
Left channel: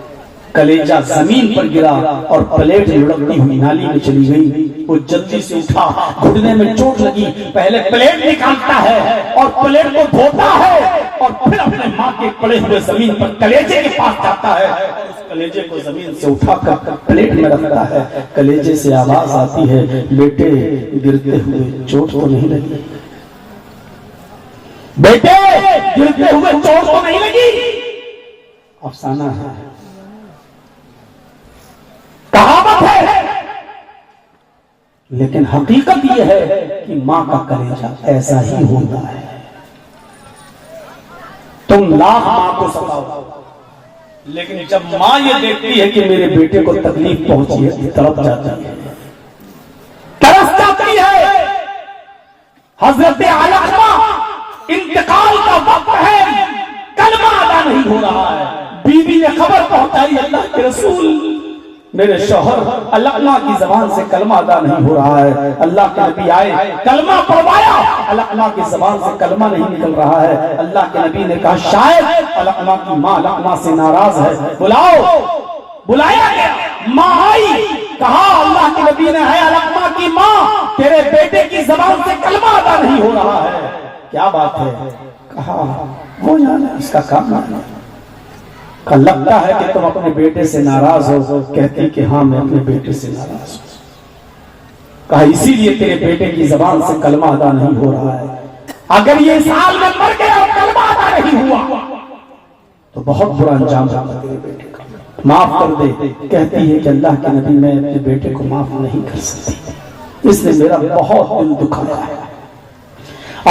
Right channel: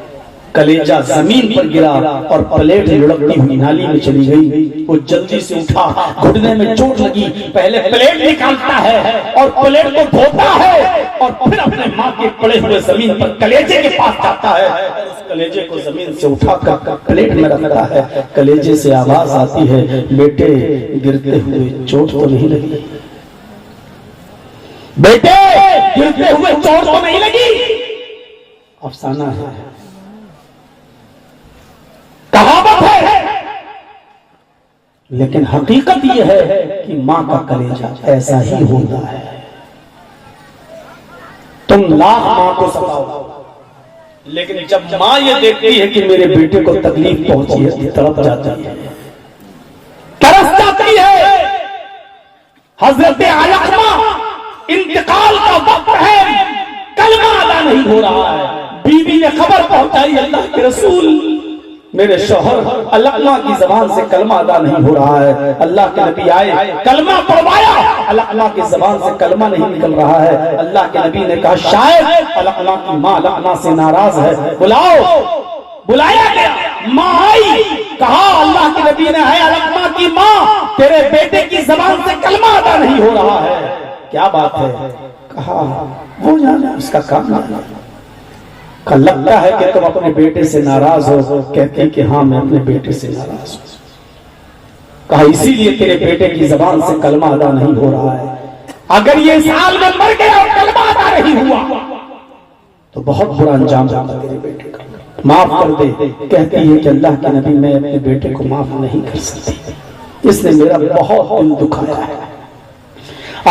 कलेजा जमीन पर गिरा और प्लेट लुढ़कती हुई नाली में चली गई। वो जल्दी से उठा, घुटने में चोट लगी, पहले प्लेट निकालता है और प्लेट को धोता है और फिर अपने माँ के पड़े हुए जमीन पर कलेजे के पास जाता है और उस कलेजे को जमीन से उठाकर प्लेट में रखता है। कलेजे से आवाज आती है, बेटे गिरते हुए चोट तो नहीं लगी, बेटे गिरते हुए चोट तो नहीं लगी। अफसाना है, कहावत है, लेकिन हकीकत यह है कि माँ का कलेजा ऐसा ही होता है। तुम लाख माँ को सताओ, लेकिन जब माँ ये देखती है कि मेरे बेटे को तकलीफ पहुंची है, तड़प जाती है, तरस जाती है। हजरत अलकमा इंतकाल का वक्त है, कलमा अदा नहीं हो रहा है। बीवी ने खबर पहुंचाई, अल्लाह के रसूल मेरे शौहर अलकमा की जबान से कलमा अदा नहीं हो रहा है। अल्लाह के नबी आए, कलमा पढ़वाया, अलकमा की जबान से कलमा नहीं निकल रहा है। अल्लाह के नबी ने कहा शायद अलकमा की माँ अलकमा से नाराज है, बुलाओ। बुलाया गया, माँ आई, कहा अल्लाह के नबी ने है अलकमा की माँ, तेरे बेटे की जबान से कलमा अदा नहीं हो रहा है, क्या बात है? कहा वो जाने, उसका काम नहीं। कहा लगता है कि तुम अपने बेटे से नाराज हो। कहती कि हाँ मैं अपने बेटे से नाराज हूं। कहा इसीलिए तेरे बेटे की जबान से कलमा अदा नहीं हो रहा है। अगर ये साल में मर गया और कलमा अदा नहीं हुआ तो बहुत बुरा अंजाम होगा तेरे बेटे का, माफ कर दे। कहती है कि अल्लाह के नबी मैं अपने बेटे को माफ नहीं कर सकती, इसने मेरा बहुत दिल दुखाया है।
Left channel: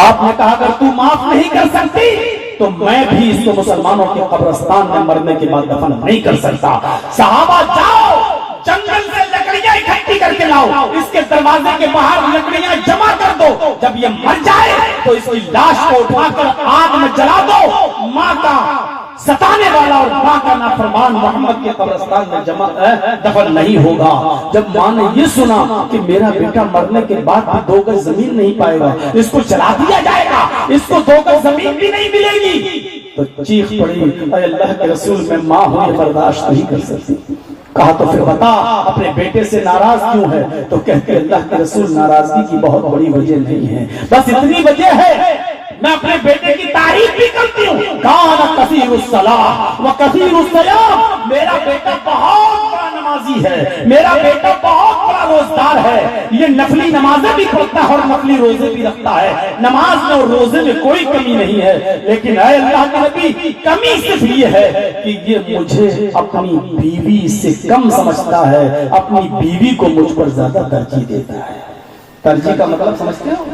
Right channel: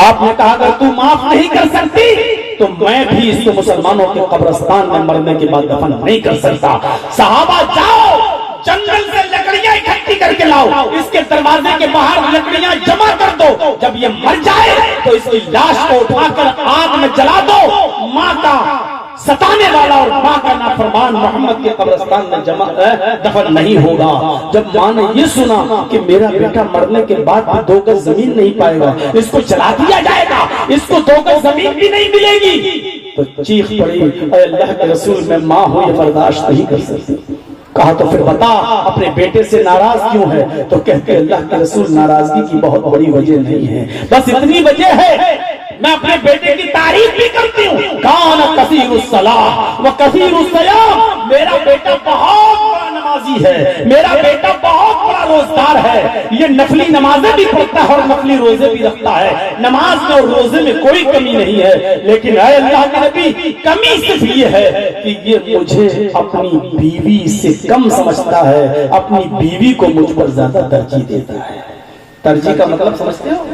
आपने कहा अगर तू माफ नहीं कर सकती तो मैं भी इसको मुसलमानों के कब्रिस्तान में मरने के बाद दफन नहीं कर सकता। सहाबा जाओ जंगल से लकड़ियां इकट्ठी करके लाओ, इसके दरवाजे के बाहर लकड़ियां जमा कर दो। जब ये मर जाए तो इसकी लाश को उठाकर आग में जला दो। माँ का सताने वाला और माँ का नाफरमान मोहम्मद के कब्रिस्तान में जमा दफन नहीं होगा। जब माँ ने ये सुना कि मेरा बेटा मरने के बाद भी 2 गज जमीन नहीं पाएगा, इसको जला दिया जाएगा, इसको 2 गज जमीन भी नहीं मिलेगी, तो चीख पड़ी अल्लाह के रसूल मैं माँ हूं, ये बर्दाश्त नहीं कर सकती। कहा तो फिर बता अपने बेटे से नाराज क्यों है? तो कहते अल्लाह के रसूल नाराजगी की बहुत बड़ी वजह नहीं है, बस इतनी वजह है मैं अपने बेटे की तारीफ भी करती हूँ। कान कसीरुस सलाह व कसीरुस सयाम, मेरा बेटा बहुत बड़ा नमाजी है, मेरा बेटा बहुत बड़ा रोजगार है, ये नफली नमाजें भी पढ़ता है और नफली रोजे भी रखता है, नमाज में और रोजे में कोई कमी नहीं है। लेकिन ऐ अल्लाह के नबी कमी सिर्फ ये है कि ये मुझे अपनी बीवी से कम समझता है, अपनी बीवी को मुझ पर ज्यादा तरजीह देता है। तरजीह का मतलब समझते हो?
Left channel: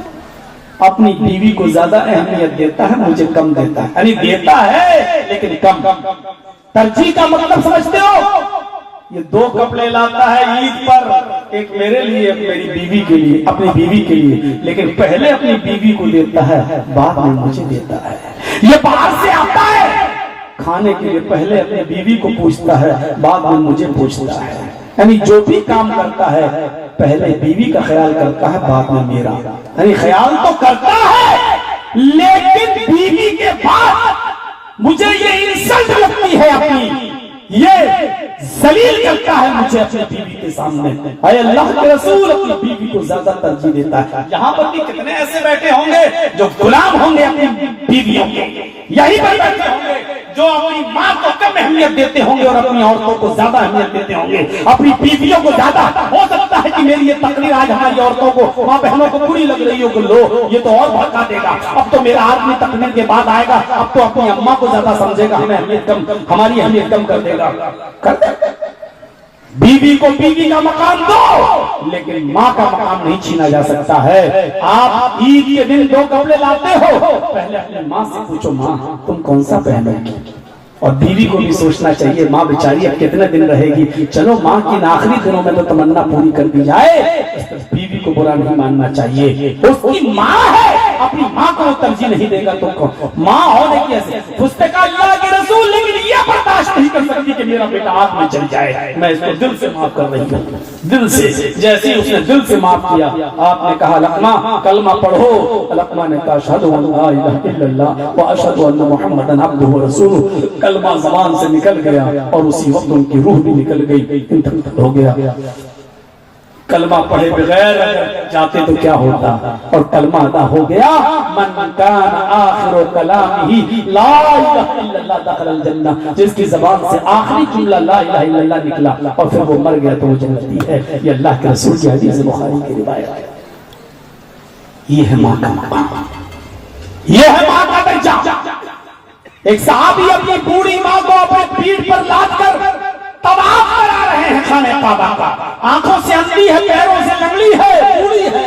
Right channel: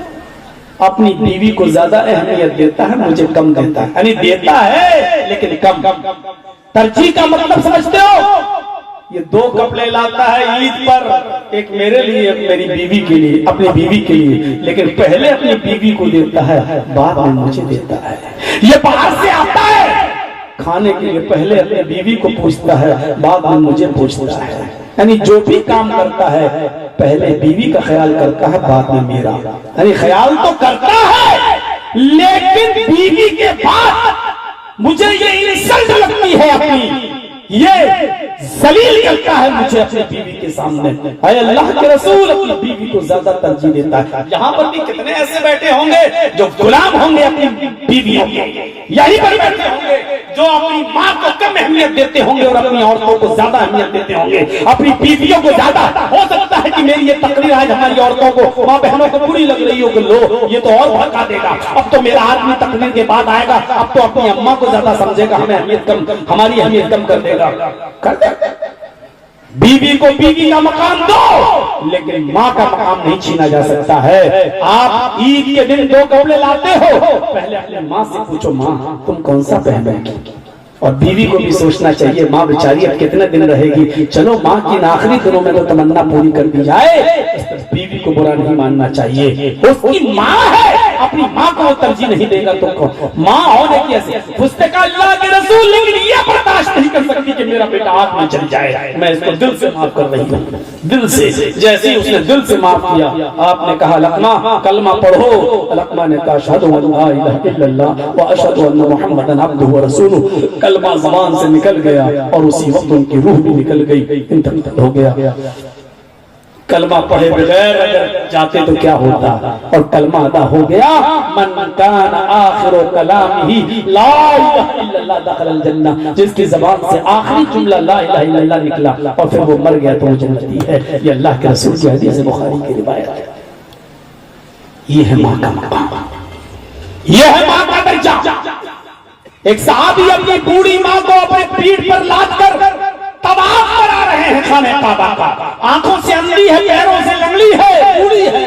अपनी बीवी को ज्यादा अहमियत देता है, मुझे कम देता है, यानी देता है लेकिन कम। तरजीह का मतलब समझते हो? ये 2 कपड़े लाता है ईद पर, एक मेरे लिए एक मेरी बीवी के लिए, अपनी बीवी के लिए, लेकिन पहले अपनी बीवी को देता है, बाद में मुझे देता है। ये बाहर से आता है खाने के लिए, पहले अपनी बीवी को पूछता है, बाद में मुझे पूछता है। यानी जो भी काम करता है पहले बीवी का ख्याल करता है, बाद में मेरा। यानी ख्याल तो करता है लेकिन बीवी के बाद मुझे ये इंसल्ट लगती है अपनी, ये जलील करता है मुझे अपनी बीवी के सामने। अल्लाह के रसूल अपनी बीवी को ज्यादा तरजीह देता है। यहाँ पर भी कितने ऐसे बैठे होंगे जो गुलाम होंगे अपनी बीवियों के, यहीं पर बैठे होंगे जो अपनी माँ को कम अहमियत देते होंगे और अपनी औरतों को ज्यादा अहमियत देते होंगे, अपनी बीवियों को ज्यादा। हो सकता है कि मेरी ये तकरीर आज हमारी औरतों को, माँ बहनों को बुरी लग रही हो कि लो ये तो और भड़का देगा, अब तो मेरा आदमी तकरीर के बाद आएगा, अब तो अपनी अम्मा को ज्यादा समझेगा, हमें अहमियत कम, हमारी अहमियत कम कर देगा। बीवी को बीवी का मकाम दो, लेकिन माँ का मकाम नहीं छीना जा सकता है। आप ईद के दिन 2 कपड़े लाते हो, पहले अपने माँ से पूछो माँ तुम कौन सा पहनोगी, और बीवी को भी सोचना चाहिए माँ बेचारी अब कितने दिन रहेगी, चलो माँ की आखिरी दिनों में तो तमन्ना पूरी कर दी जाए। बीवी को बुरा नहीं मानना चाहिए, उसकी माँ है, अपनी माँ को तरजीह नहीं देगा तो माँ होने की ऐसे पुस्तक अल्लाह के रसूल, लेकिन ये बर्दाश्त नहीं कर सकती कि मेरा बेटा आग में चल जाए। मैं इसको दिल से माफ कर रही हूँ, दिल से। जैसे ही उसने दिल से माफ किया, आपने कहा लकमा कलमा पढ़ो। लकमा ने कहा अशहदु अल्ला इलाहा इल्लल्लाह व अशहदु अन्न मुहम्मदन अब्दुहु व रसूलुहु। कलमा ज़बान से निकल गया और उसी वक्त उनकी रूह भी निकल गई, इंतकाल हो गया। कलमा पढ़े बगैर जाते तो क्या होता, और कलमा अदा हो गया। मन कान आखिरो कलामिही ला इलाहा इल्लल्लाह दखलल जन्नह, जिसकी ज़बान से आखिरी जुमला ला इलाहा इल्लल्लाह निकला और फिर वो मर गया तो वो जन्नती है। ये अल्लाह के रसूल की हदीस है, बुखारी की रिवायत है। ये है माँ का मकाम, ये है माँ का दर्जा। एक साहबी अपनी बूढ़ी माँ को अपने पीठ पर लाद कर तवाफ करा रहे हैं खाने काबा का, आंखों से अंधी है, पैरों से लंगड़ी है, बूढ़ी है,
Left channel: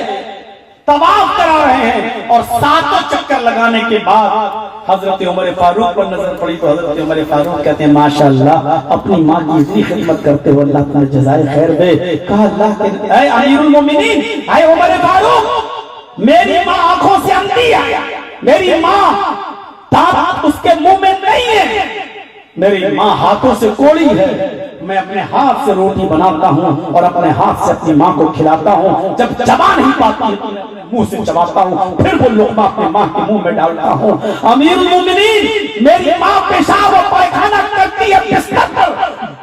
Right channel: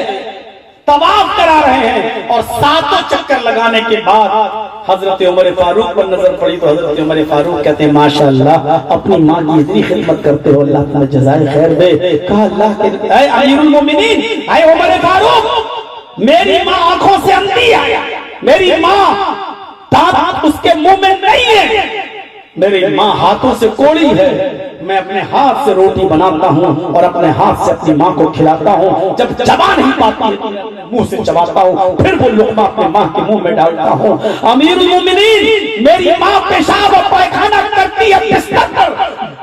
तवाफ करा रहे हैं। और 7 चक्कर लगाने के बाद हजरत उमर फारूक पर नजर पड़ी तो हजरत उमर फारूक कहते हैं माशाअल्लाह अपनी माँ की इतनी खिदमत करते हो, अल्लाह तुम्हें जज़ाए खैर दे। कहा अल्लाह के ऐ अमीरुल मोमिनीन, ऐ उमर फारूक, मेरी माँ आंखों से अंधी है, मेरी माँ दांत उसके मुंह में नहीं है, मेरी माँ हाथों से कोड़ी है, मैं अपने हाथ से रोटी बनाता हूँ और अपने हाथ से अपनी माँ को खिलाता हूँ, जब चबा नहीं पाती मुंह से चबाता हूँ, फिर वो लुक़मा अपने माँ के मुंह में डालता हूँ। अमीरुल मोमिनीन, मेरी माँ पेशाब और पायखाना करती है, बिस्तर पर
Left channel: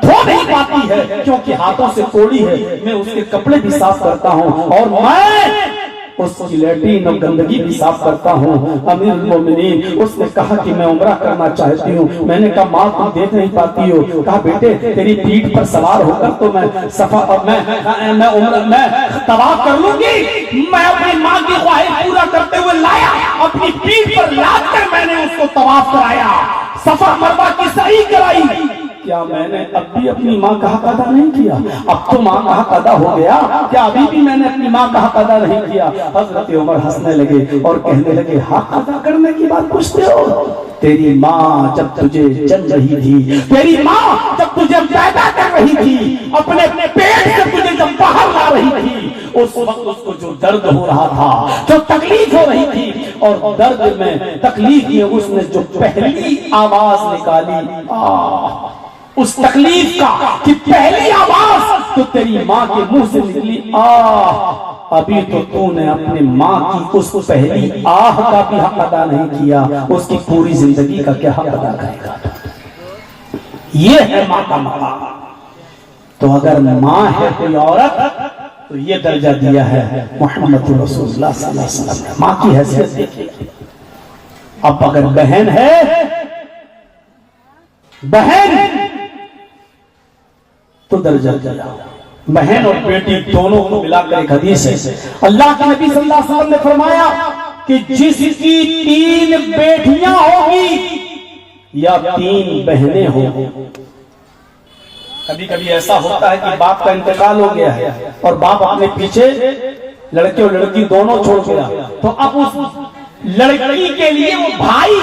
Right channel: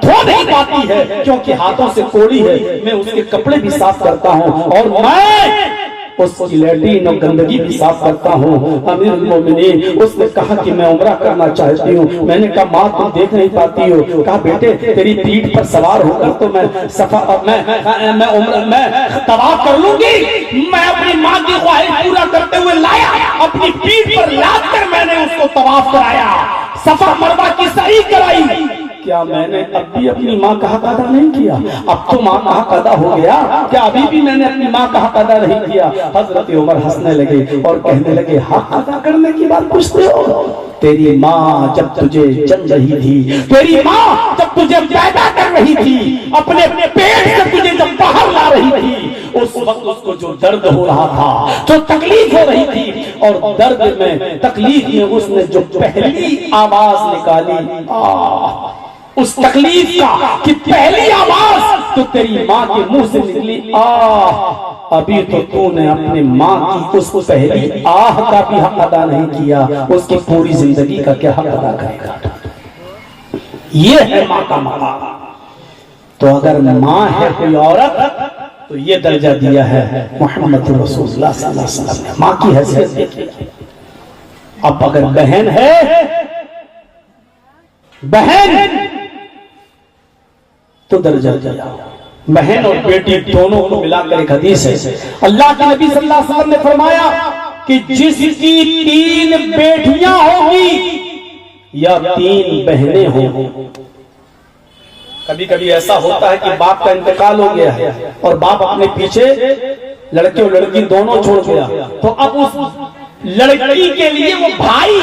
धो नहीं पाती है क्योंकि हाथों से कोड़ी है, मैं उसके कपड़े भी साफ करता हूँ, और मैं उसकी लैट्रीन और गंदगी भी साफ करता हूँ। अमीरुल मोमिनीन उसने कहा कि मैं उम्रा करना चाहती हूँ। मैंने कहा माँ तुम देख नहीं पाती हो। कहा बेटे तेरी पीठ पर सवार होकर तो मैं तवाफ कर लूंगी। मैं अपनी माँ की ख्वाहिश पूरा करते हुए लाया, अपनी पीठ पर लाद कर मैंने उसको तवाफ कराया, सफा मरवा की सही कराई। क्या मैंने अब भी अपनी माँ का हक अदा नहीं किया? अब तो माँ का हक अदा हो गया, क्या अभी भी मैंने अपनी माँ का हक अदा नहीं किया? हजरत उमर हंसने लगे और कहने लगे हक अदा करने की बात पूछते हो? तेरी माँ जब तुझे जन रही थी, तेरी माँ जब तुझे पैदा कर रही थी, अपने पेट से तुझे जब बाहर ला रही थी, उस वक्त उसको जो दर्द हो रहा था, जो तकलीफ हो रही थी, और दर्द में तकलीफ में उसने जो पहली आवाज निकाली, उस तकलीफ का कि पहली आवाज तो तेरी माँ के मुंह से निकली अभी तो तूने अपने माँ की उस पहली आह का भी हक अदा नहीं किया, उसकी पूरी जिंदगी का क्या हक अदा करेगा? ये है माँ का मकाम। तो अगर माँ है कोई औरत तो ये दर्जा दिया है मोहम्मद रसूलुल्लाह सल्लल्लाहु अलैहि वसल्लम ने, माँ की हैसियत देखिए। अब अगर बहन है, बहन तो दर्जा दिया। बहन और बेटी दोनों को मिलाकर एक हदीस है, अल्लाह के नबी सल्लल्लाहु अलैहि वसल्लम ने फरमाया कि जिसकी 3 बेटियां होंगी या 3 बहनें होंगी। कभी कभी ऐसा होता है कि बाप का इंतकाल हो गया है और बाप अपने पीछे लड़के और लड़की दोनों छोड़ गया, तो अब उस लड़की के लिए वो भाई,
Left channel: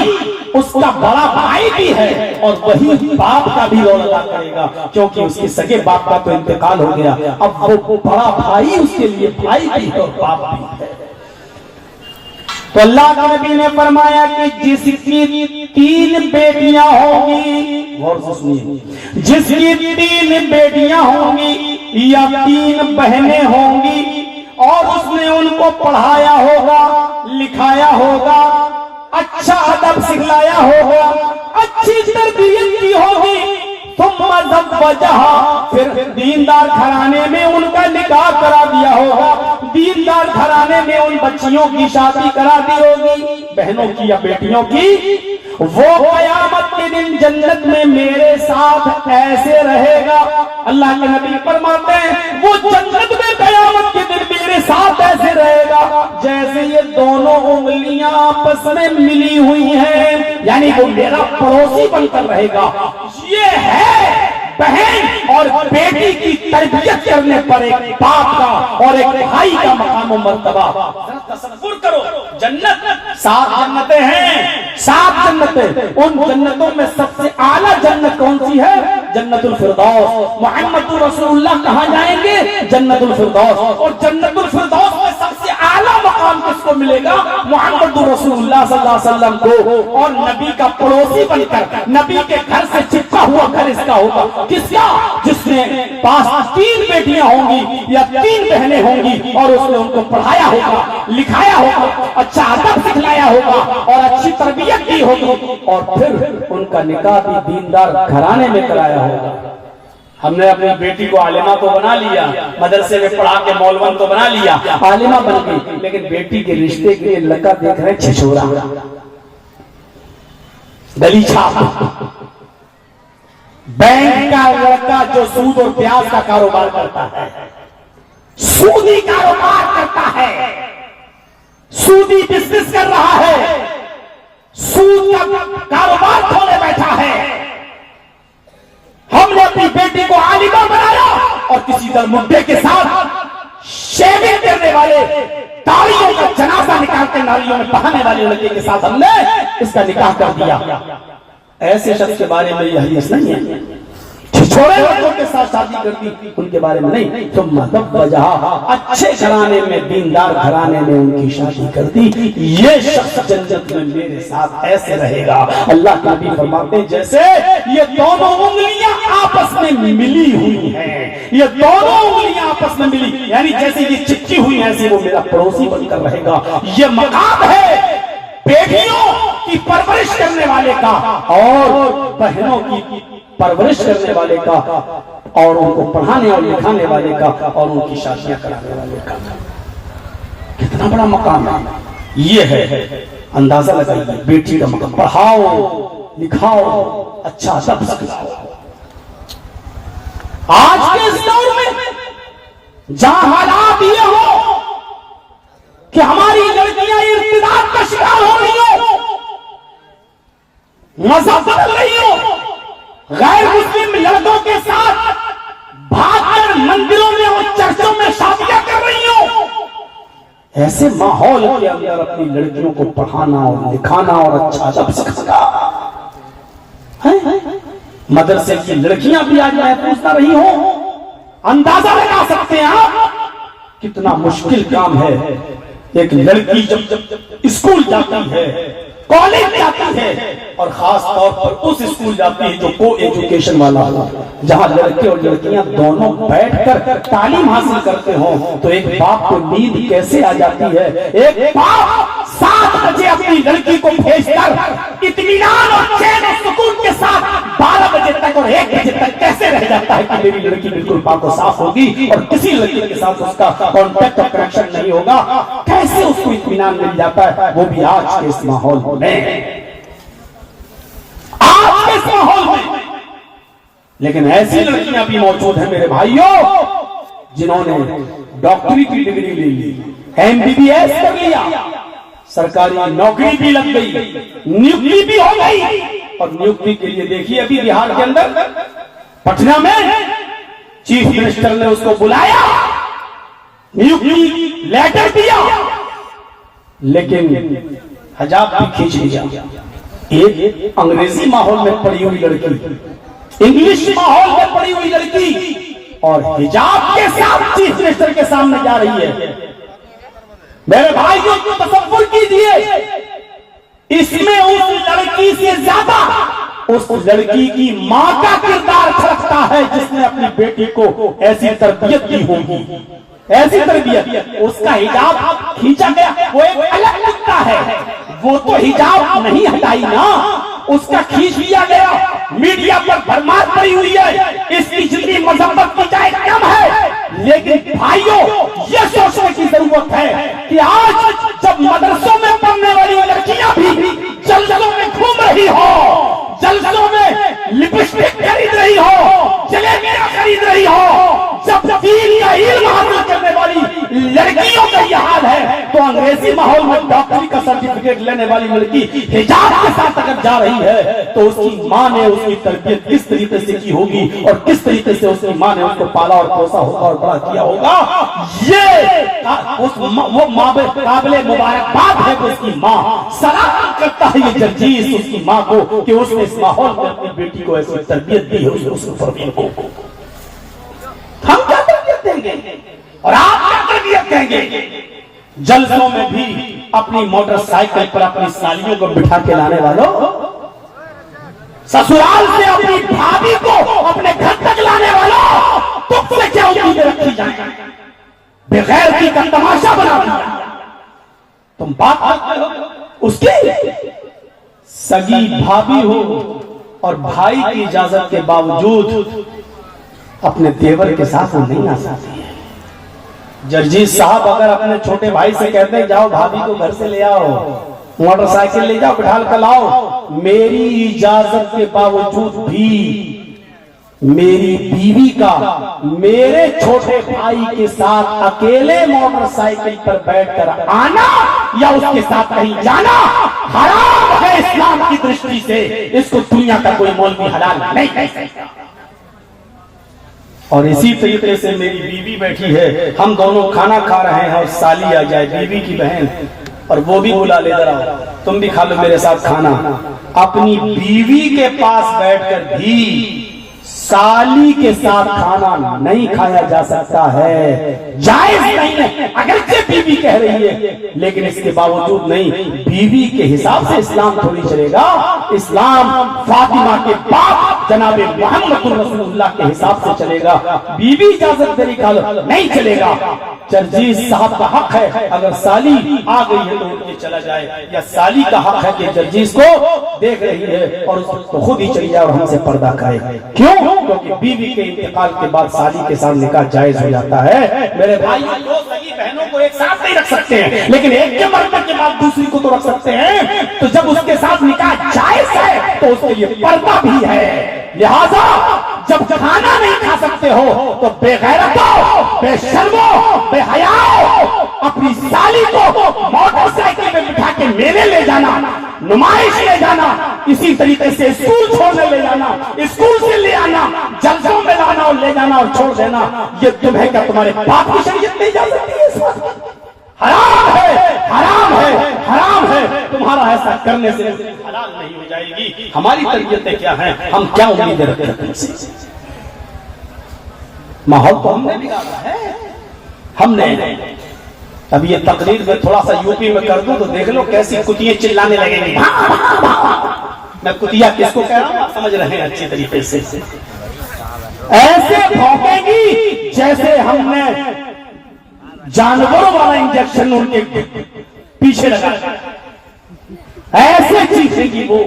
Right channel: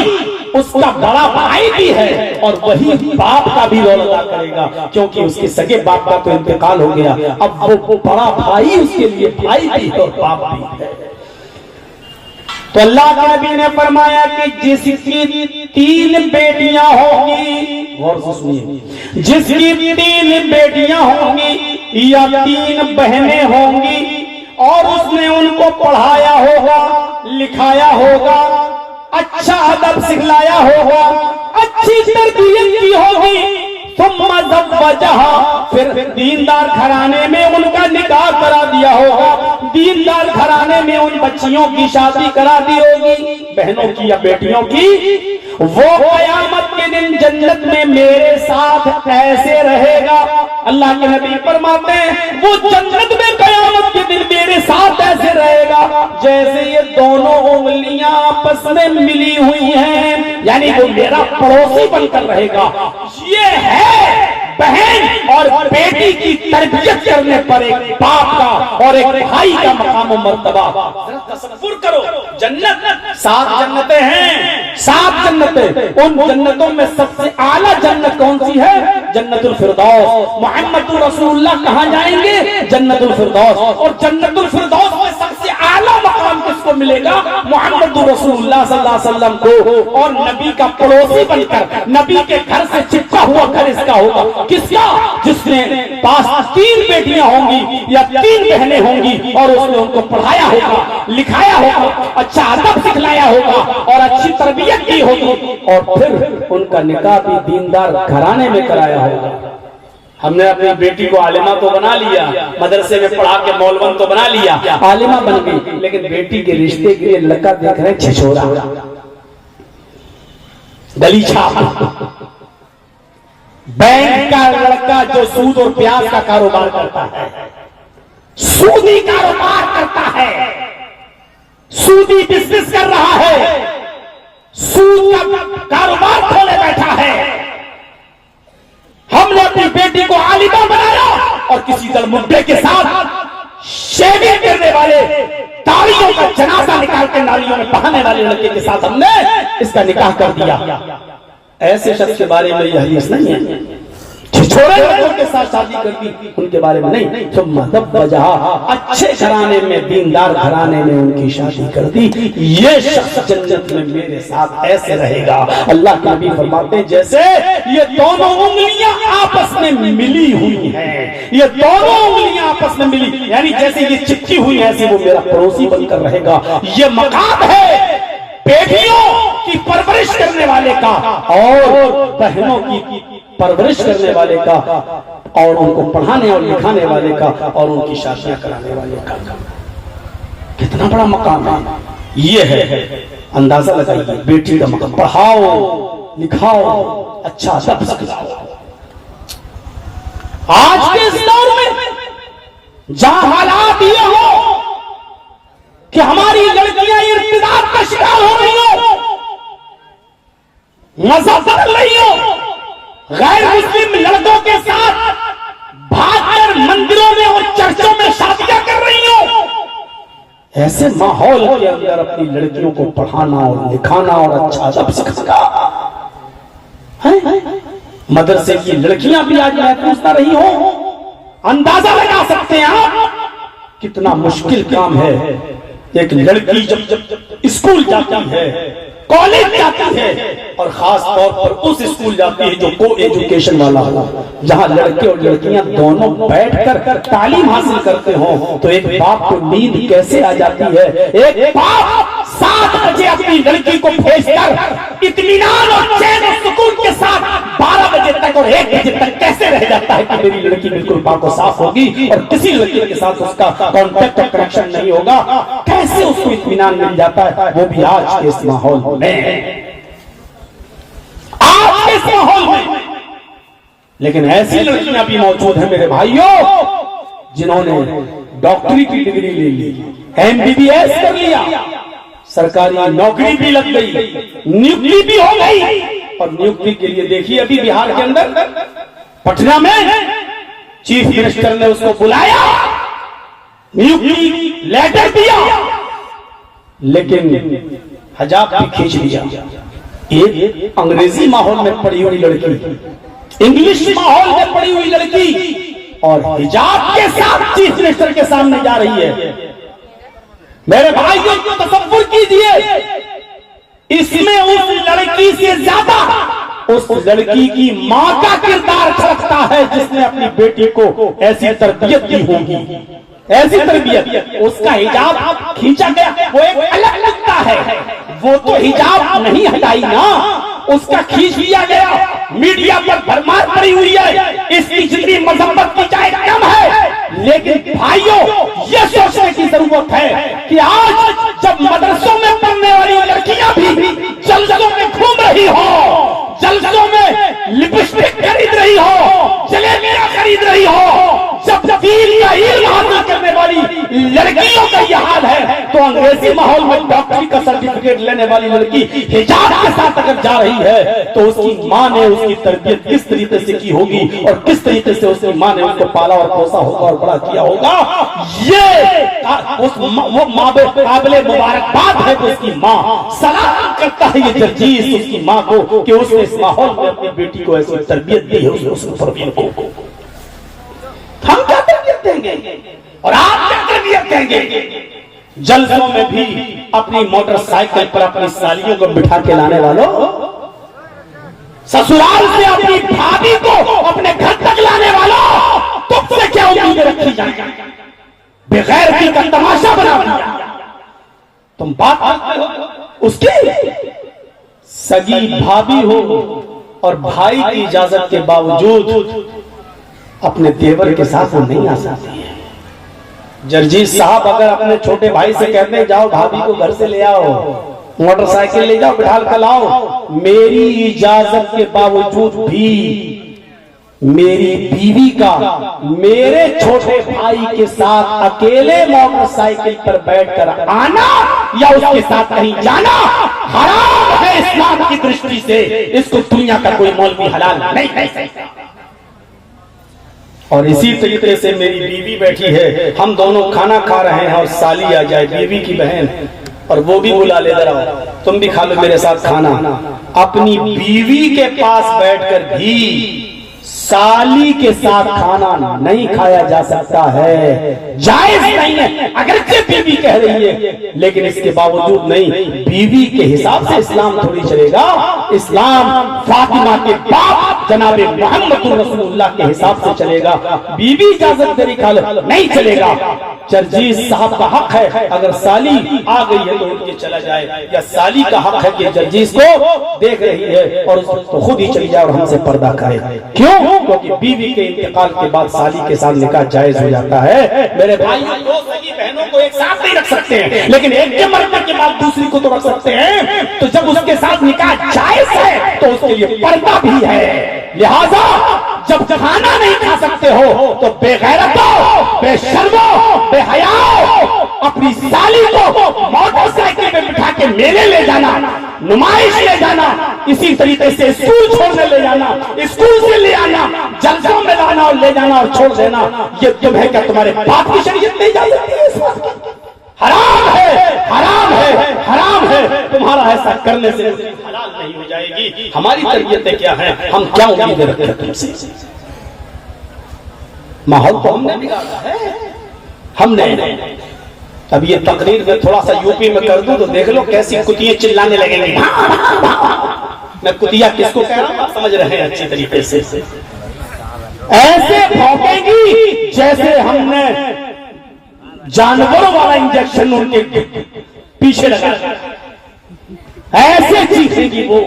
उसका बड़ा भाई भी है और वही बाप का भी रोल अदा करेगा, क्योंकि उसके सगे बाप का तो इंतकाल हो गया। अब वो बड़ा भाई उसके लिए भाई भी है और बाप भी है। तो अल्लाह के नबी ने फरमाया कि जिसकी 3 बेटियां होंगी, गौर से सुनिए, जिसकी 3 बेटियां होंगी या 3 बहनें होंगी और उसने उनको पढ़ाया होगा, लिखाया होगा, अच्छा अदब सिखलाया होगा, अच्छी तरबियत की होगी, फिर दीनदार घराने में उनका निकाह करा दिया होगा, दीनदार घराने में उन बच्चियों की शादी करा दी होगी, बहनों की या बेटियों की, वो कयामत के दिन जन्नत में मेरे साथ ऐसे रहेगा। अल्लाह के नबी फरमाते हैं वो जन्नत में कयामत के दिन मेरे साथ ऐसे रहेगा जैसे ये दोनों उंगलियां आपस में मिली हुई हैं, यानी वो मेरा पड़ोसी बनकर रहेगा। ये है बहन और बेटी की तरबियत करने पर एक बाप का और एक भाई का मकाम और मर्तबा। तसव्वुर करो, जन्नत 7 जन्नतें हैं, 7 जन्नतें। उन जन्नतों में सबसे आला जन्नत कौन सी है? जन्नतुल फिरदौस। मोहम्मद रसूलुल्लाह कहाँ जाएंगे? जन्नतुल फिरदौस। और जन्नतुल फिरदौस में सबसे आला मकाम किसको मिलेगा? मोहम्मद रसूलुल्लाह सल्लल्लाहु अलैहि वसल्लम को। और नबी का पड़ोसी बनकर, नबी के घर से चिपका हुआ घर इसका होगा। किसका? जिसने पास 3 बेटियां होंगी या 3 बहनें होंगी और उसने उनको पढ़ाया होगा, लिखाया होगा, अच्छा अदब सिखलाया होगा और अच्छी तरबियत की होगी और फिर उनका निकाह भी दीनदार घराने में कराया होगा। हमने अपनी बेटी को आलिमा तो बना लिया, मदरसे में पढ़ा के मौलवन तो बना लिया, आलिमा बन गई, लेकिन बेटी के रिश्ते के लिए लड़का देख रहे छिछोरा, गलीचा, बैंक का लड़का जो सूद और ब्याज का कारोबार करता है, सूदी कारोबार करता है, सूदी बिजनेस कर रहा है, सूद का कारोबार खोले बैठा है। हमने अपनी बेटी को आलिमा बनाया और किसी दर मुद्दे के साथ शेविंग करने वाले, तालियों का जनाजा निकाल कर नालियों में बहाने वाले लड़के के साथ हमने इसका निकाह कर दिया। ऐसे शख्स के बारे में यह हदीस नहीं है। छोटे लोगों के साथ शादी कर दी, उनके बारे में नहीं। तो मतलब वजह अच्छे घराने में, दीनदार घराने में उनकी शादी कर दी। ये शख्स जन्नत में मेरे साथ ऐसे रहेगा। अल्लाह के नबी फरमाते जैसे ये दोनों उंगलियां आपस में मिली हुई हैं, ये दोनों उंगलियां आपस में मिली, यानी जैसे ये चिपकी हुई है ऐसी वो मेरा पड़ोसी बनकर रहेगा। ये मकाम है बेटियों की परवरिश करने वाले का और बहनों की परवरिश करने वाले का और उनको पढ़ाने और लिखाने वाले का और उनकी शादियां कराने वाले का। कितना बड़ा मकाम है। ये है, अंदाजा लगाइए बेटी का मकाम। पढ़ाओ लिखाओ, अच्छा सब खिलाओ। आज के इस दौर में जहां हालात ये हो कि हमारी लड़कियां इर्तिदाद का शिकार हो रही हो, मजा बदल रही हो, गैर मुस्लिम लड़कों के साथ भागकर मंदिरों में और चर्चों में शादियां कर रही हो, ऐसे माहौल के अंदर अपनी लड़कियों को पढ़ाना और लिखाना और अच्छा अदब सिखाना, मदरसे की लड़कियां भी आज महफूज ना रही हो। अंदाजा लगा सकते हैं आप कितना मुश्किल काम है। एक लड़की जब स्कूल जाती है, कॉलेज जाती है, और खास तौर पर उस स्कूल जाती है जो को एजुकेशन वाला हो, जहां लड़के और लड़कियां दोनों बैठकर तालीम हासिल करते हो, तो एक बाप को नींद कैसे आ जाती है। एक बाप 7 बजे अपनी लड़की को भेजकर इत्मीनान और चैन और सुकून के साथ 12 बजे तक और 1 बजे तक कैसे रह जाता है कि मेरी लड़की बिल्कुल पाक और साफ होगी और किसी लड़की के साथ उसका कॉन्टेक्ट और कनेक्शन नहीं होगा, कैसे उसको इत्मीनान मिल जाता है, वो भी आज के इस माहौल में, आज के इस माहौल में। लेकिन ऐसी लड़कियां भी मौजूद हैं मेरे भाइयों, जिन्होंने डॉक्टरी की डिग्री ले ली, MBBS कर लिया, सरकारी नौकरी भी लग गई, नियुक्ति भी हो गई, और नियुक्ति के लिए देखिए अभी बिहार के अंदर पटना में चीफ मिनिस्टर ने उसको बुलाया, नियुक्ति लेटर दिया, लेकिन हिजाब भी खींच लिया। एक अंग्रेजी माहौल में पड़ी हुई लड़की, इंग्लिश माहौल में पड़ी हुई लड़की, और हिजाब के साथ चीफ मिनिस्टर के सामने जा रही है। मेरे भाइयों को तसव्वुर कीजिए, इसमें उस लड़की से ज्यादा उस लड़की की मां का किरदार झलकता है, जिसने अपनी बेटी को ऐसी तरबियत दी होगी, ऐसी तरबियत। उसका हिजाब खींचा गया, वो एक अलग मुद्दा है, वो तो हिजाब नहीं हटाई ना, उसका खींच लिया गया, मीडिया पर भरमार पड़ी हुई है, इसकी जितनी मजम्मत की जाए कम है। लेकिन भाइयों, यह सोचने की जरूरत है कि आज जब मदरसों में पढ़ने वाली लड़कियां भी जलसों में घूम रही हो, जलसों में लिपस्टिक खरीद रही हो, जलेबियां खरीद रही हो, जब दीन का इल्म हासिल करने वाली लड़कियों का यह हाल है, तो अंग्रेजी माहौल में डॉक्टरी का सर्टिफिकेट लेने वाली लड़की हिजाब के साथ अगर जा रही है, तो उसकी मां ने उसकी तरबियत किस तरीके से की होगी और किस तरीके से उसकी मां ने उसको पाला और पोसा होगा और बड़ा किया होगा, ये वो माँ काबिले मुबारकबाद है कि उसकी मां सलाम करता है ये जर्जीस उसकी मां को कि उसने इस माहौल में अपनी बेटी को ऐसी तरबियत दी है, उसने तरबियत को। हम क्या तरबियत देंगे और आप क्या तरबियत देंगे? जलसों में भी अपनी मोटरसाइकिल पर अपनी सालियों को बिठा के लाने वालों, ससुराल से अपनी भाभी को अपने घर तक लाने वालों, तुमसे क्या उम्मीदें रखी जाए? बेगैरती का तमाशा बना दिया। तुम बात करते हो उसकी सगी भाभी हो और भाई की इजाजत के बावजूद अपने देवर के साथ वो नहीं आ सकती है। जर्जीस साहब अगर अपने छोटे भाई से कहते हैं जाओ भाभी को घर से ले आओ, मोटरसाइकिल ले जाओ बिठा कर लाओ, मेरी इजाजत के बावजूद भी मेरी बीवी का मेरे छोटे भाई के साथ अकेले मोटरसाइकिल पर बैठकर आना या उसके साथ कहीं जाना हराम है इस्लाम की दृष्टि से। इसको दुनिया का कोई मौलवी हलाल नहीं कह सकता। और इसी तरीके से मेरी बीवी बैठी है, हम दोनों खाना खा रहे हैं और साली आ जाए, बीवी की बहन, और वो भी बुला ले, जरा तुम भी खा लो मेरे साथ खाना। अपनी बीवी के पास बैठकर भी साली के साथ खाना नहीं खाया जा सकता है, जायज नहीं है। अगर बीवी कह रही है, लेकिन इसके बावजूद नहीं, बीवी के हिसाब से इस्लाम थोड़ी चलेगा। इस्लाम फातिमा के बाप जनाबे मोहम्मद रसूलुल्लाह के हिसाब से चलेगा। बीवी इजाजत दे रही खा लो, नहीं चलेगा। जर्जीस साहब का हक है अगर साली आ गई है तो उनके चला जाए, या साली का हक है कि जर्जीस को देख रही है और उसको खुद ही चली जाए और हमसे पर्दा करे। क्यों? क्योंकि बीवी के इंतकाल के बाद साली के साथ निकाह जायज हो जाता है। मेरे भाई, दो सगी बहनों को एक साथ नहीं रख सकते हैं, लेकिन एक के मरने के बाद दूसरी को तो रख सकते हैं। तो जब उसके साथ निकाह जायज है तो उसके लिए पर्दा भी है। लिहाजा जब खाना नहीं खा सकते हो तो बेगैरतो, बेशर्मो, बेहयाओ अपनी साली को मोटरसाइकिल में बिठा के मेले ले जाना, नुमाइश ले जाना, इसी तरीके से स्कूल छोड़ने ले जाना, स्कूल से ले आना, जलसों में लाना और ले जाना और छोड़ देना, ये तुम है क्या? तुम्हारे बाप की शरीयत नहीं जा सकती है इस बात की? हराम है, हराम है, हराम है। तुम्हारा ऐसा करने से हलाल नहीं हो जाएगी। हमारी तरबियतें क्या है, हम क्या उम्मीदें रखते हैं तुमसे? माहौल तो हमने बिगाड़ा है, हमने। अब ये तकरीर में थोड़ा सा यूपी में कर दूं तो देख लो कैसी कुतियां चिल्लाने लगेंगी। मैं कुतिया किसको कह रहा हूं आप समझ रहे हैं अच्छी तरीके से। ऐसे भौंकेगी जैसे हमने जानवरों वाला इंजेक्शन उनके पीछे लगा, ऐसे चीखेगी वो।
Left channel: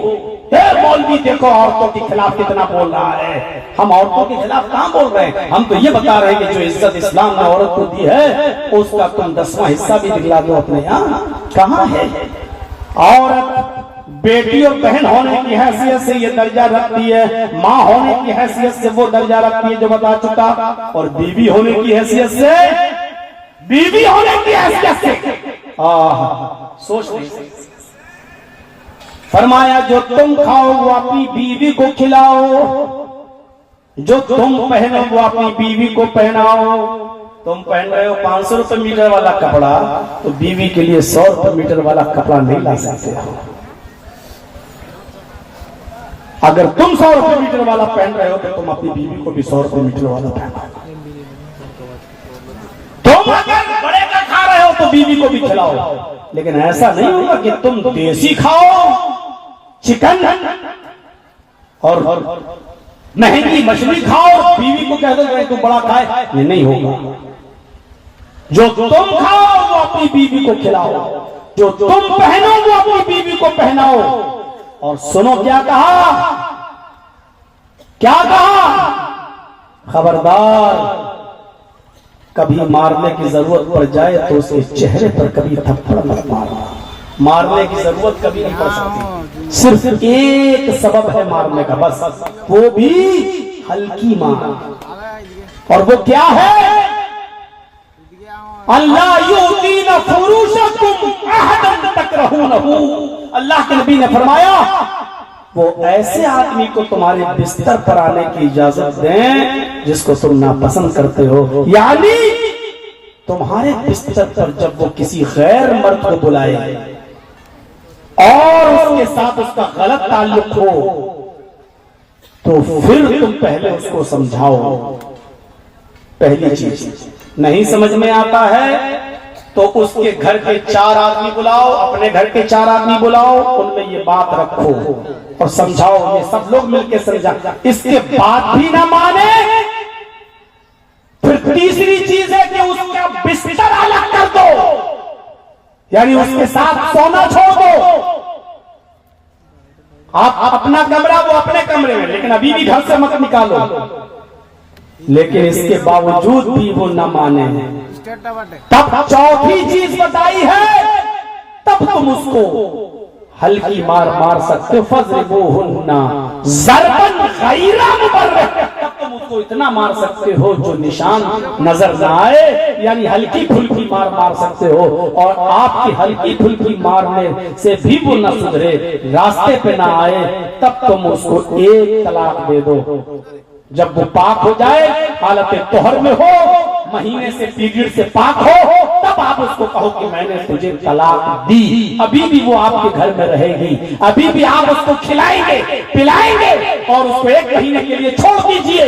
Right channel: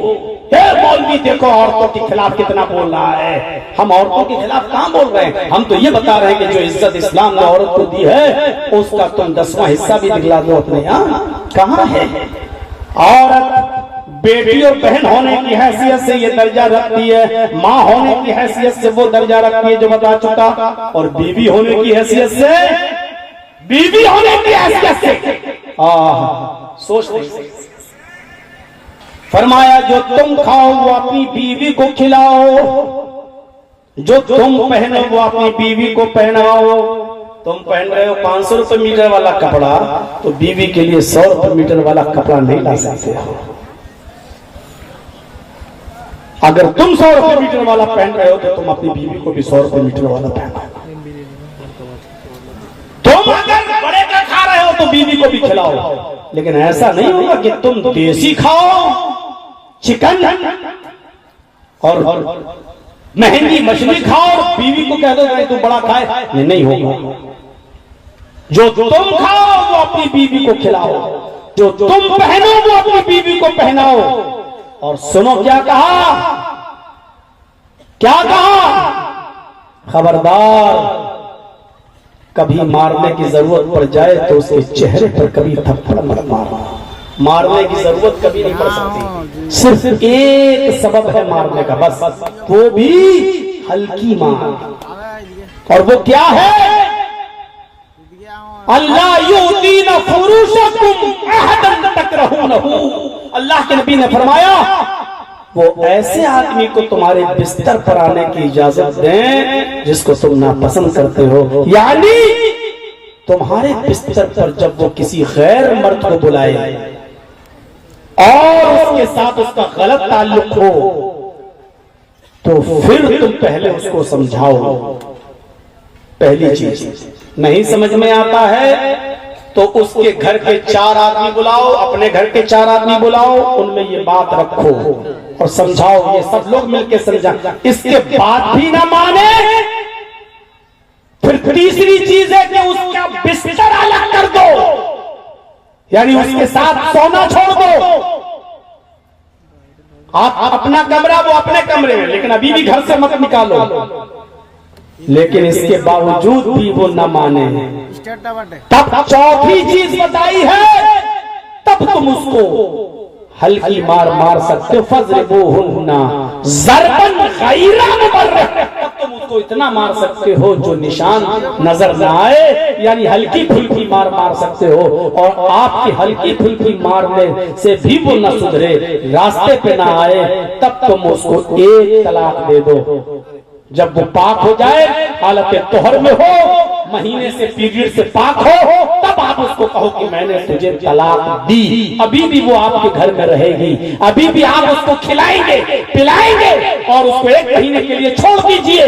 मौलवी देखो औरतों के खिलाफ कितना बोल रहा है। हम औरतों के खिलाफ कहां बोल रहे हैं? हम तो ये बता रहे हैं कि जो इज्जत इस्लाम ने औरत को दी है उसका तुम 10वां हिस्सा भी दिखला दो अपने यहाँ। कहां है औरत? बेटी और बहन होने की हैसियत से ये दर्जा रखती है, माँ होने की हैसियत से वो दर्जा रखती है जो बता चुका, और बीवी होने की हैसियत से, बीवी होने की हैसियत से सोच नहीं। फरमाया जो तुम खाओ वो अपनी बीवी को खिलाओ, जो तुम पहनो वो अपनी बीवी को पहनाओ। तुम पहन रहे हो 500 रुपए मीटर वाला कपड़ा, तो बीवी के लिए 100 रुपए मीटर वाला कपड़ा नहीं ला सकते हो। अगर तुम 100 रुपए मीटर वाला पहन रहे हो तो तुम अपनी बीवी को भी 100 रुपए मीटर वाला पहनाओ। तुम अगर बड़े का खा रहे हो तो बीवी को भी खिलाओ, लेकिन ऐसा नहीं होगा कि तुम देसी खाओ, चिकन और महंगी मछली खाओ और बीवी को कह दो तुम बड़ा खाए, ये नहीं होगा। जो तुम खाओ वो अपनी बीवी को खिलाओ, जो तुम पहनो वो अपनी बीवी को पहनाओ। और सुनो क्या कहा, क्या कहा? खबरदार कभी मारने की जरूरत पड़ जाए तो उसके चेहरे पर कभी थप्पड़ मत मारना। मारने की जरूरत कभी नहीं पड़ सकती, सिर्फ एक सबब है मारने का, बस वो भी हल्की मार। और वो क्या है? अल्लाह युदीन फुरूशकुम अहदन तकरहूनहु। अल्लाह के नबी ने फरमाया वो ऐसे आदमी को तुम्हारे बिस्तर पर आने की इजाजत दें जिसको तुम नापसंद करते हो। यानी तुम्हारे बिस्तर पर जब वो किसी गैर मर्द को बुलाए और उसके साथ उसका गलत ताल्लुक हो तो फिर तुम पहले उसको समझाओ। पहली चीज, नहीं समझ में आता है तो उसके घर के 4 आदमी बुलाओ, अपने घर के 4 आदमी बुलाओ, उनमें ये बात रखो और समझाओ, ये सब लोग मिलकर समझा। इसके बाद भी ना माने, फिर तीसरी चीज है कि उसका बिस्तर अलग कर दो, यानी उसके साथ सोना छोड़ दो। आप अपना कमरा वो अपने कमरे में, लेकिन अभी भी घर से मत निकालो। लेकिन इसके बावजूद भी वो न माने, तब चौथी चीज बताई है, तब तुम उसको हल्की मार मार सकते हो। फज़रिबूहुन्ना ज़रबन गैरा मुबर्रिह, तब तुम उसको इतना मार सकते हो जो निशान नजर न आए, यानी हल्की फुल्की मार मार सकते हो। और आपकी हल्की फुल्की मारने से भी वो न सुधरे, रास्ते पे ना आए, तब तुम उसको एक तलाक दे दो। जब वो पाक हो जाए, हालत तोहर में हो, महीने से पीरियड से पाक हो, तब आप उसको कहो कि मैंने तुझे तलाक दी। अभी भी वो आपके घर में रहेगी, अभी भी आप उसको खिलाएंगे पिलाएंगे और उसको 1 महीने के लिए छोड़ दीजिए।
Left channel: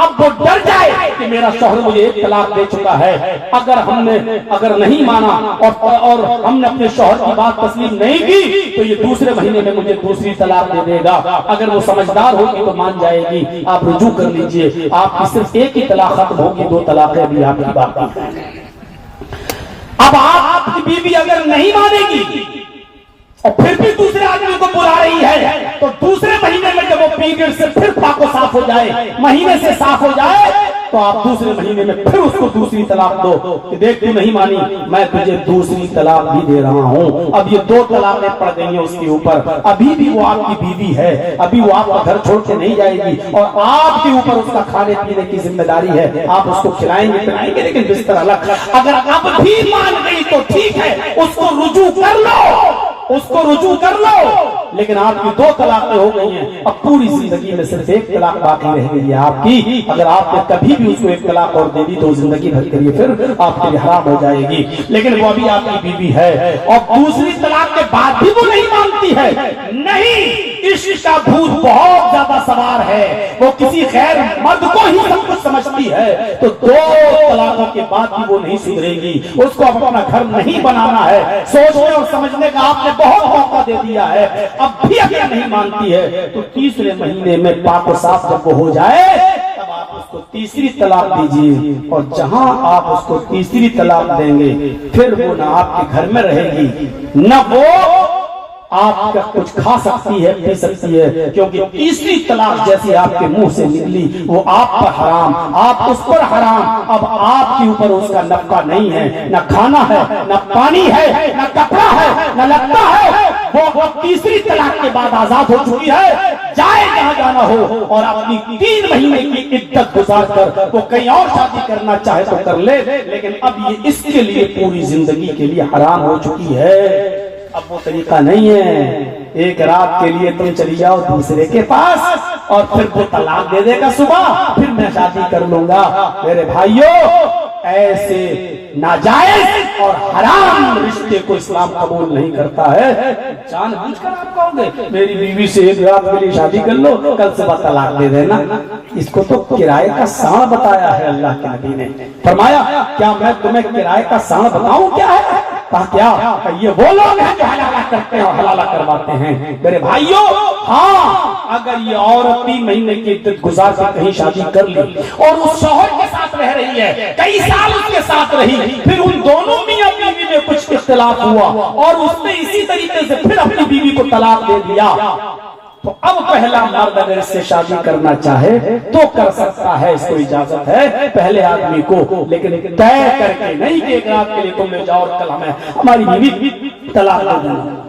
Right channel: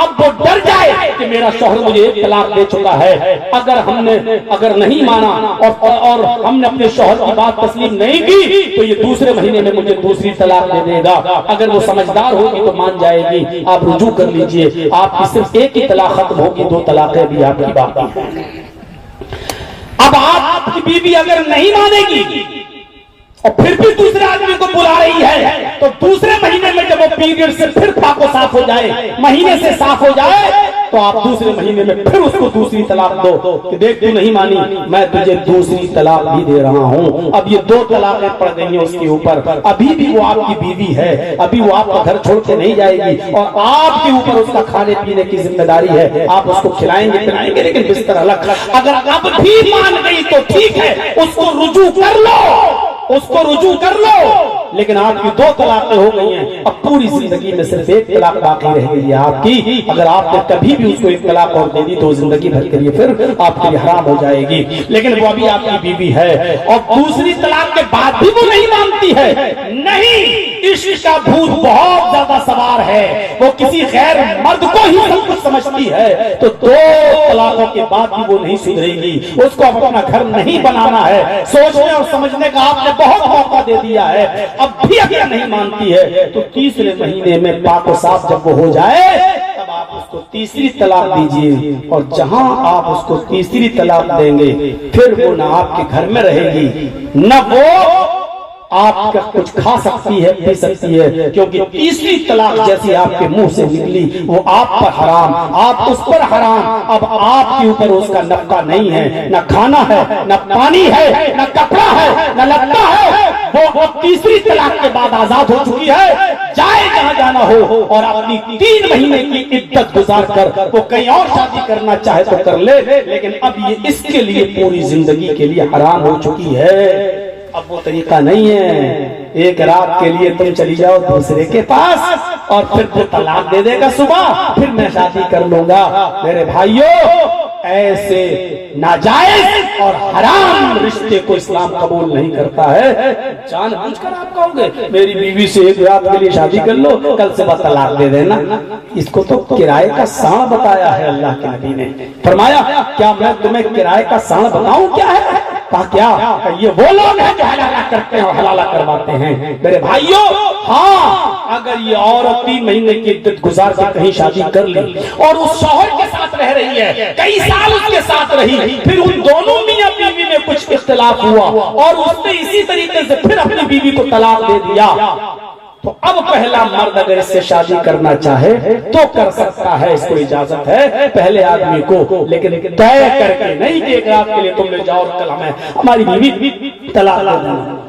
अब वो डर जाए कि मेरा शौहर मुझे 1 तलाक दे चुका है। अगर नहीं माना और हमने अपने शौहर की बात तस्लीम नहीं की तो ये दूसरे महीने में मुझे दूसरी तलाक दे देगा। अगर वो समझदार होगी तो मान जाएगी, आप रुजू कर लीजिए। आपकी सिर्फ 1 ही तलाक खत्म होगी, 2 तलाकें भी आपकी बाकी हैं। अब आपकी बीवी अगर नहीं मानेगी और फिर भी दूसरे आदमी को बुला रही है, तो दूसरे महीने में जब वो पीरियड से फिर फाको साफ हो जाए, महीने से साफ हो जाए, तो आप दूसरे महीने में फिर उसको दूसरी तलाक दो कि देख तू नहीं मानी, मैं तुझे दूसरी तलाक भी दे रहा हूं। अब ये 2 तलाकें पड़ गई हैं उसके ऊपर। अभी भी वो आपकी बीवी है, अभी वो आपका घर छोड़ के नहीं जाएगी और आपके ऊपर उसका खाने पीने की जिम्मेदारी है। आप उसको खिलाएंगे पिलाएंगे, लेकिन बिस्तर अलग। अगर अब भी मान गई तो ठीक है, उसको रुजू कर लो, उसको रुजू कर लो। लेकिन आपकी 2 तलाकें हो गई हैं, अब पूरी जिंदगी में सिर्फ 1 तलाक बाकी रह गई है आपकी। अगर आपने कभी भी उसको 1 तलाक और दे दी तो जिंदगी भर के लिए फिर आपके लिए हराम हो जाएगी। लेकिन वो अभी आपकी बीवी है और दूसरी तलाक के बाद भी वो नहीं मानती है। नहीं, इश्क का भूत बहुत ज्यादा सवार है, वो किसी गैर मर्द को ही सब कुछ समझती है। तो 2 तलाकों के बाद भी वो नहीं सुधरेगी। उसको अब अपना घर नहीं बनाना है, सोचने और समझने का आपने बहुत मौका दे दिया है, अब भी अगर नहीं मानती है तो तीसरे महीने में पाको साफ जब वो हो जाए तब आप उसको तीसरी तलाक दीजिए। और जहां आप उसको तीसरी तलाक देंगे फिर वो ना आपके घर में रहेगी, न वो आपका कुछ खा सकती है, पी सकती है, क्योंकि तीसरी तलाक जैसी आपके मुंह से निकली वो आप पर हराम, आप उस पर हराम। अब आपके ऊपर उसका नफा नहीं है, न खाना है, न पानी है, न कपड़ा है, न लगता है। वो तीसरी तलाक के बाद आजाद हो चुकी है, जाए जहां जाना हो और अपनी 3 महीने की इद्दत गुजार कर वो कहीं और शादी करना चाहे तो कर ले, लेकिन अब ये इसके लिए पूरी जिंदगी के लिए हराम हो चुकी है। अब वो तरीका नहीं है, एक रात के लिए तुम चली जाओ दूसरे के पास और फिर वो तलाक दे देगा सुबह, फिर मैं शादी कर लूंगा। मेरे भाइयों, ऐसे नाजायज और हराम रिश्ते को इस्लाम कबूल नहीं करता है। जानबूझकर आप कहोगे मेरी बीवी से 1 रात के लिए शादी कर लो, कल से बाद तलाक दे देना। इसको तो किराए का साण बताया है अल्लाह के नबी ने। फरमाया क्या मैं तुम्हें किराए का साण बताऊं क्या है? कहा क्या? ये वो लोग हैं जो हलाला करते हैं और हलाला करवाते हैं। मेरे भाइयों, हाँ, अगर ये औरत 3 महीने की इद्दत गुजार के कहीं शादी कर ली और उस शौहर के साथ रह रही है, कई साल उसके साथ रही, फिर उन दोनों मियां बीवी में कुछ इख्तिलाफ हुआ और उसने इसी तरीके से फिर अपनी बीवी को तलाक दे दिया, तो अब पहला मर्द अगर इससे शादी करना चाहे तो कर सकता है, इसको इजाजत है पहले आदमी को, लेकिन तय करके नहीं कि 1 रात के लिए तुम ले जाओ और कल हमारी बीवी तलाक दे देना।